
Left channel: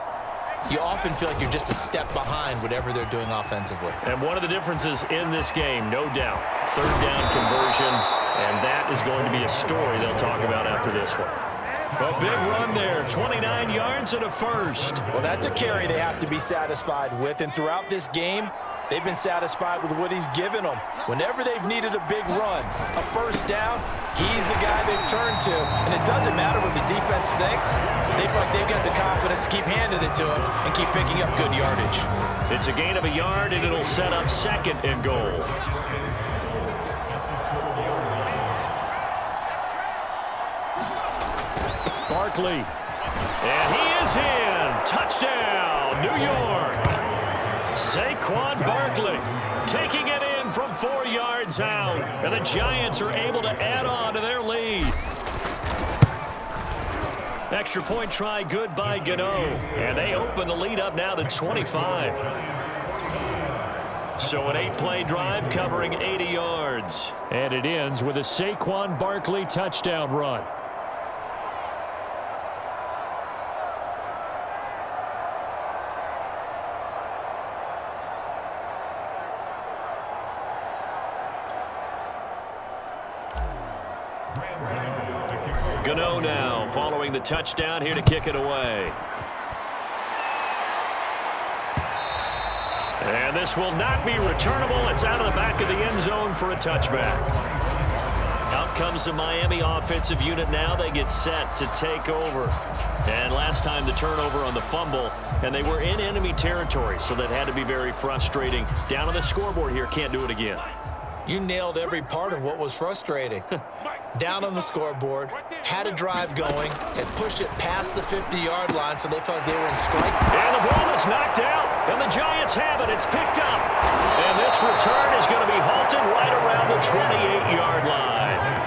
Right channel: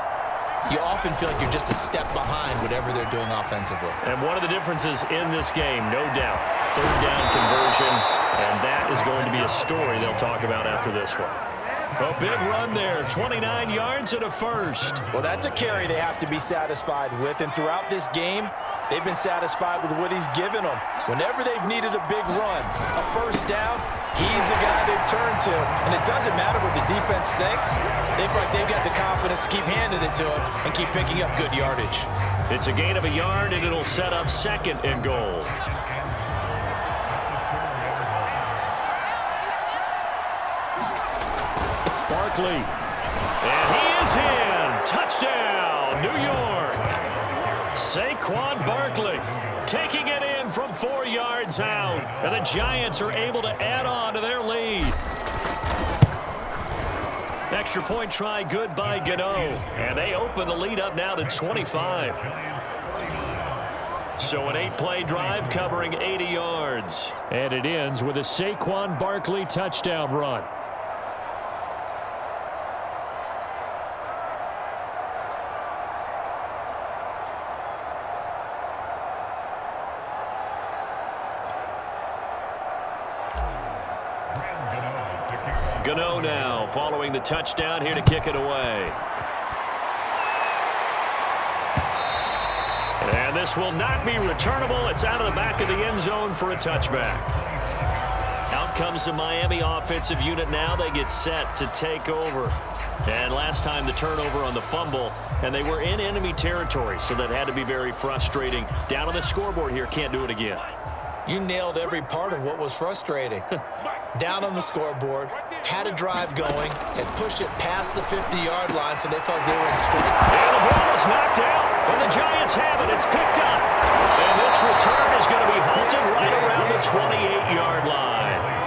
you often feel like you're just a step behind whatever they're doing offensively. And one of the differences in this game, no doubt, 3rd down conversion, and that is going to be a story they'll talk about after this one. A big run there, 29 yards and a first. Well, that's a carry they have to be satisfied with, and throughout this game, they've been satisfied with what he's given them. Whenever they've needed a big run, a first down, he's the guy they've turned to. And it doesn't matter what the defense thinks. They feel like they've got the confidence to keep handing it to him and keep picking up good yardage. It's a gain of a yard, and it'll set up 2nd and goal. Barkley. And he is in. Touchdown, New York. Saquon Barkley taking it in from 4 yards out. And the Giants are able to add on to their lead. Extra point try good by Gano. And they open the lead up now to 25. So an 8-play drive covering 80 yards. And it ends with a Saquon Barkley touchdown run. Gano now following the touchdown here to kick it away. And this will not be returnable. It's out of the back of the end zone for a touchback. Out comes the Miami offensive unit now. They get set to take over. And last time the turnover on the fumble, and they were in enemy territory, so that had to be very frustrating. Down on the scoreboard here, can't do it again. You nailed every part of what was frustrating. Down on the scoreboard, had a drive going, and pushed it past the 50-yard line, so they felt like they were in strike. And the ball is knocked out, and the Giants have it. It's picked up. And this return is going to be halted right around the 28-yard line.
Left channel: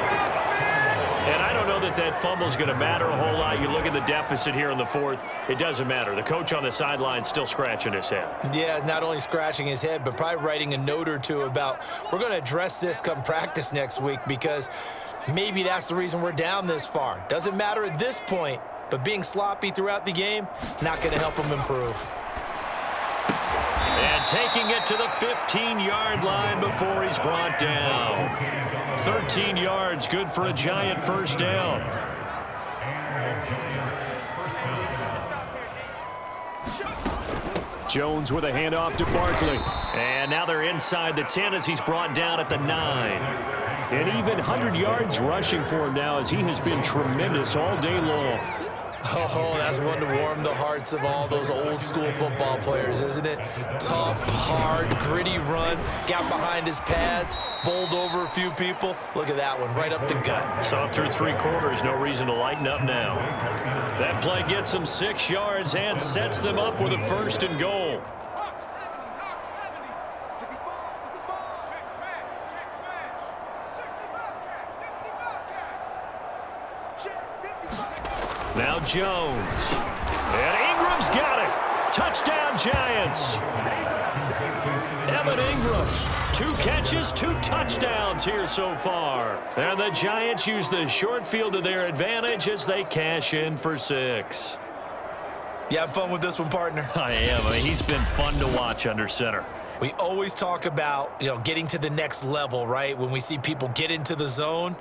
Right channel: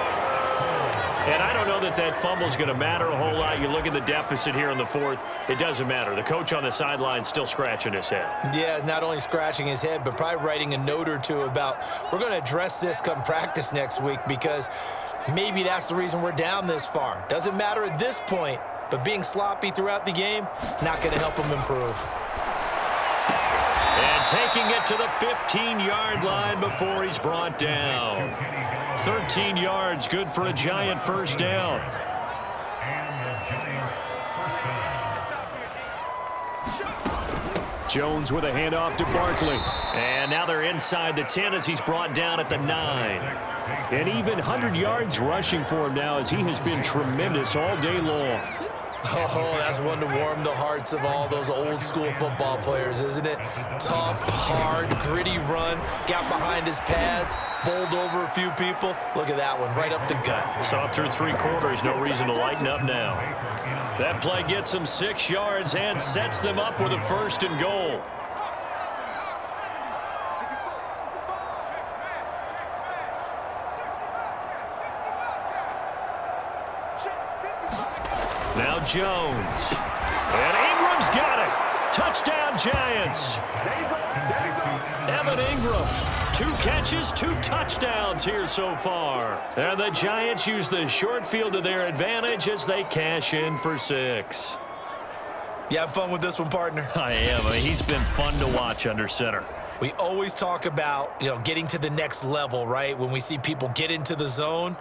And I don't know that that fumble is going to matter a whole lot. You look at the deficit here in the 4th. It doesn't matter. The coach on the sideline still scratching his head. Yeah, not only scratching his head, but probably writing a note or two about we're going to address this come practice next week because maybe that's the reason we're down this far. Doesn't matter at this point, but being sloppy throughout the game, not going to help him improve. And taking it to the 15-yard line before he's brought down. 13 yards, good for a Giant first down. Jones with a handoff to Barkley. And now they're inside the 10 as he's brought down at the 9. And even 100 yards rushing for him now as he has been tremendous all day long. Oh, that's one to warm the hearts of all those old school football players, isn't it? Tough, hard, gritty run, got behind his pads, bowled over a few people. Look at that one, right up the gut. So up through 3 quarters, no reason to lighten up now. That play gets them 6 yards and sets them up with a 1st and goal. Now Jones. And Ingram's got it. Touchdown, Giants. Evan Ingram, 2 catches, 2 touchdowns here so far. And the Giants use the short field to their advantage as they cash in for 6. You have fun with this one, partner? I am. I mean, he's been fun to watch under center. We always talk about, getting to the next level, right? When we see people get into the zone,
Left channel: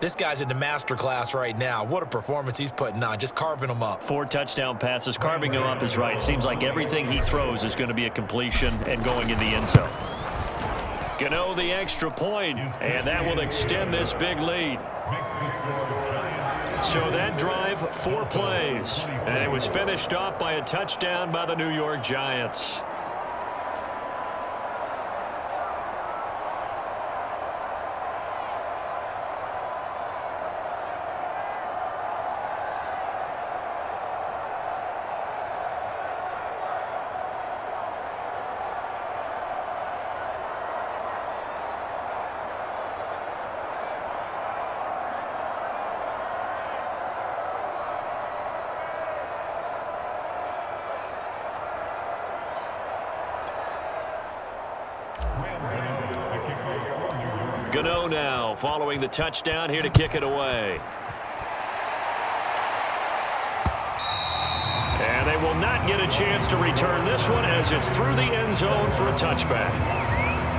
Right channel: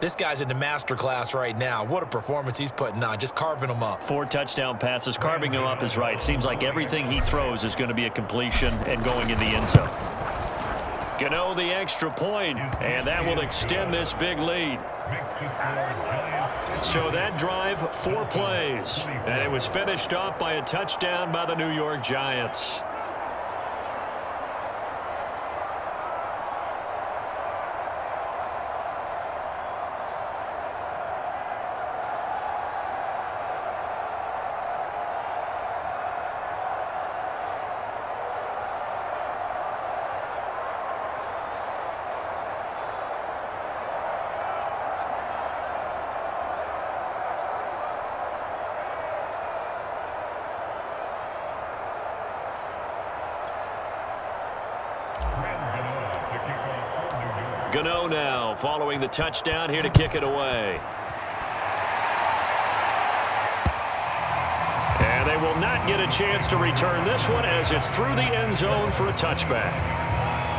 this guy's in the master class right now. What a performance he's putting on, just carving them up. 4 touchdown passes. Carving him up is right. Seems like everything he throws is going to be a completion and going in the end zone. Gano the extra point, and that will extend this big lead. So that drive, 4 plays, and it was finished off by a touchdown by the New York Giants. Gano now following the touchdown here to kick it away. And they will not get a chance to return this one as it's through the end zone for a touchback.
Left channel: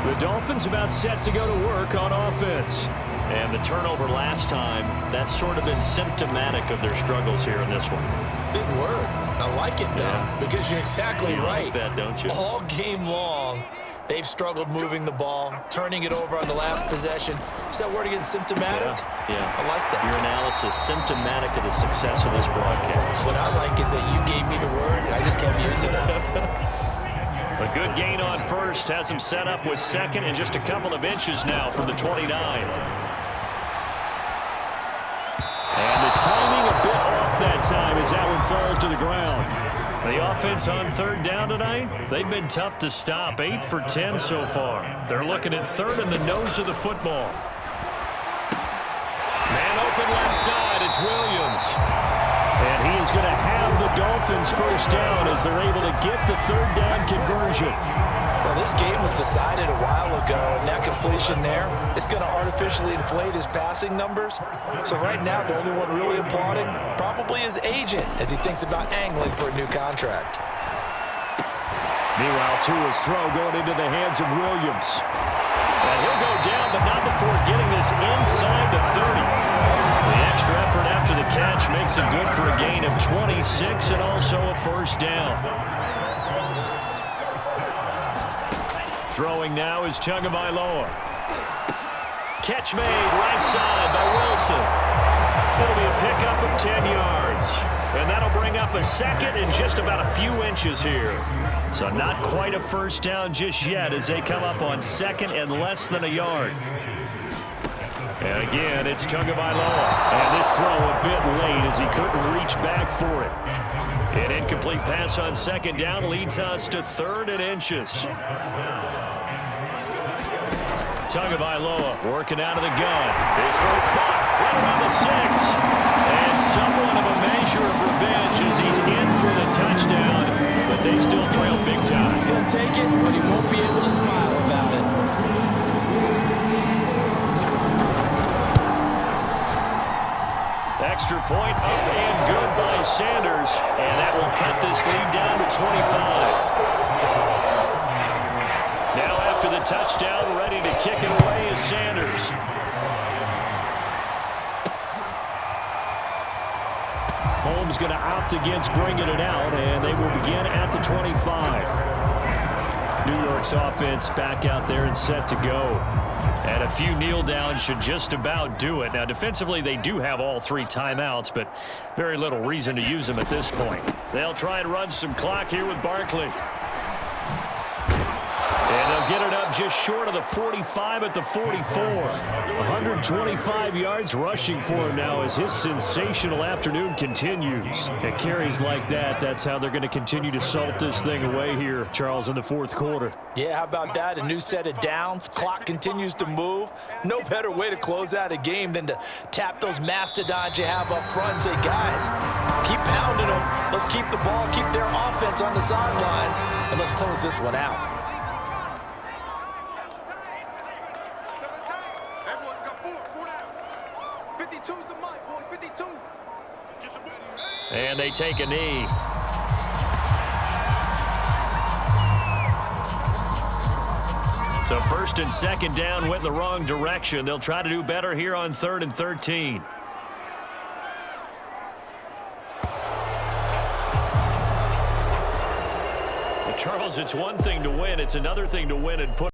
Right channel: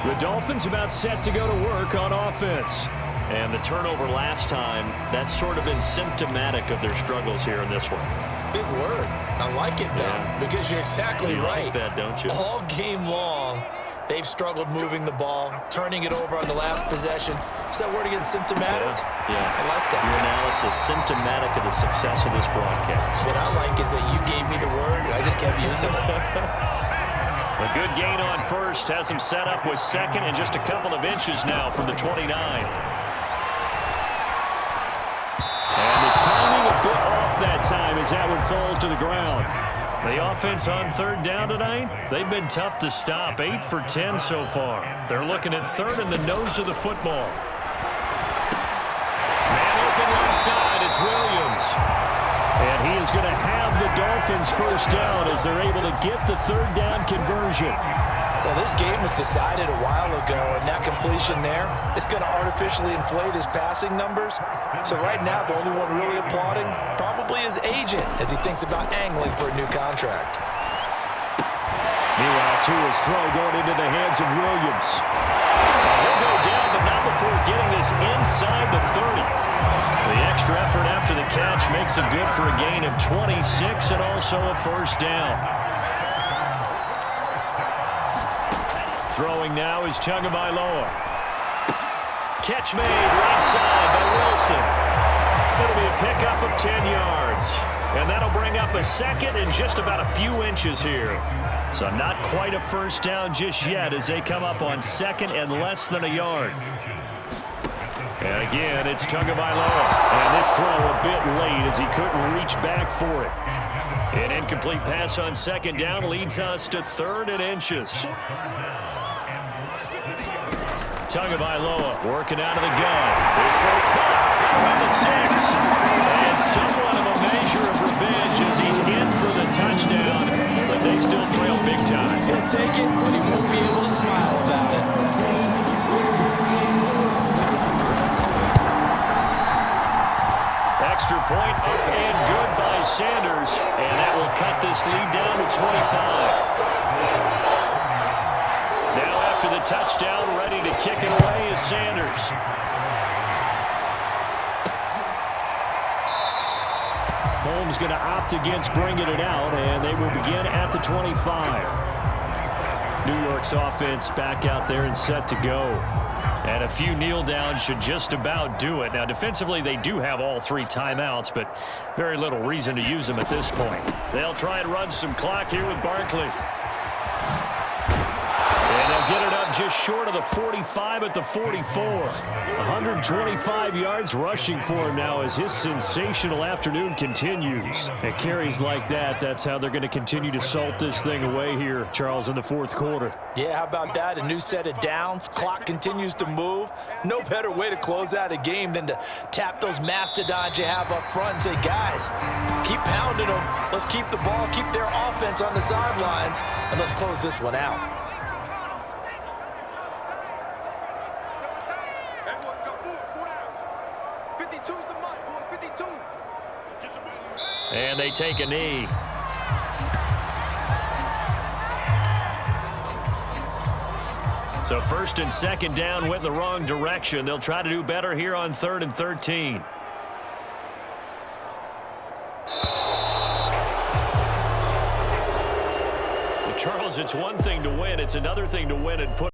The Dolphins about set to go to work on offense. And the turnover last time, that's sort of been symptomatic of their struggles here in this one. Big word. I like it, though, because you're exactly right. Like that, don't you? All game long, they've struggled moving the ball, turning it over on the last possession. Is that word again, symptomatic? Yeah. I like that. Your analysis, symptomatic of the success of this broadcast. What I like is that you gave me the word, and I just kept using it. A good gain on first has him set up with second and just a couple of inches now from the 29. And the timing a bit off that time as that one falls to the ground. The offense on third down tonight, they've been tough to stop. 8 for 10 so far. They're looking at third in the nose of the football. Man open left side, it's Williams. And he is going to have the Dolphins first down as they're able to get the third down conversion. Well, this game was decided a while ago, and that completion there is going to artificially inflate his passing numbers. So right now, the only one really applauding probably his agent as he thinks about angling for a new contract. Meanwhile, Tua's throw going into the hands of Williams. And he'll go down, but not before getting this inside the 30. The extra effort after the catch makes him good for a gain of 26 and also a first down. Throwing now is Tagovailoa. Catch made right side by Wilson. It'll be a pickup of 10 yards. And that'll bring up a second and just about a few inches here. So not quite a first down just yet as they come up on second and less than a yard. And again, it's Tagovailoa. And this throw a bit late as he couldn't reach back for it. An incomplete pass on second down leads us to third and inches. Tagovailoa working out of the gun. His throw caught right around the 6. And somewhat of a measure of revenge as he's in for the touchdown. But they still trail big time. He'll take it, but he won't be able to smile about it. Extra point up and good by Sanders. And that will cut this lead down to 25. Now after the touchdown, ready to kick it away is Sanders. Holmes going to opt against bringing it out, and they will begin at the 25. New York's offense back out there and set to go. And a few kneel downs should just about do it. Now, defensively, they do have all 3 timeouts, but very little reason to use them at this point. They'll try and run some clock here with Barkley. And they'll get it up just short of the 45 at the 44. 125 yards rushing for him now as his sensational afternoon continues. At carries like that, that's how they're going to continue to salt this thing away here, Charles, in the fourth quarter. Yeah, how about that? A new set of downs. Clock continues to move. No better way to close out a game than to tap those mastodons you have up front and say, guys, keep pounding them. Let's keep the ball, keep their offense on the sidelines, and let's close this one out. And they take a knee. So first and second down went in the wrong direction. They'll try to do better here on 3rd and 13. Well, Charles, it's one thing to win. It's another thing to win and put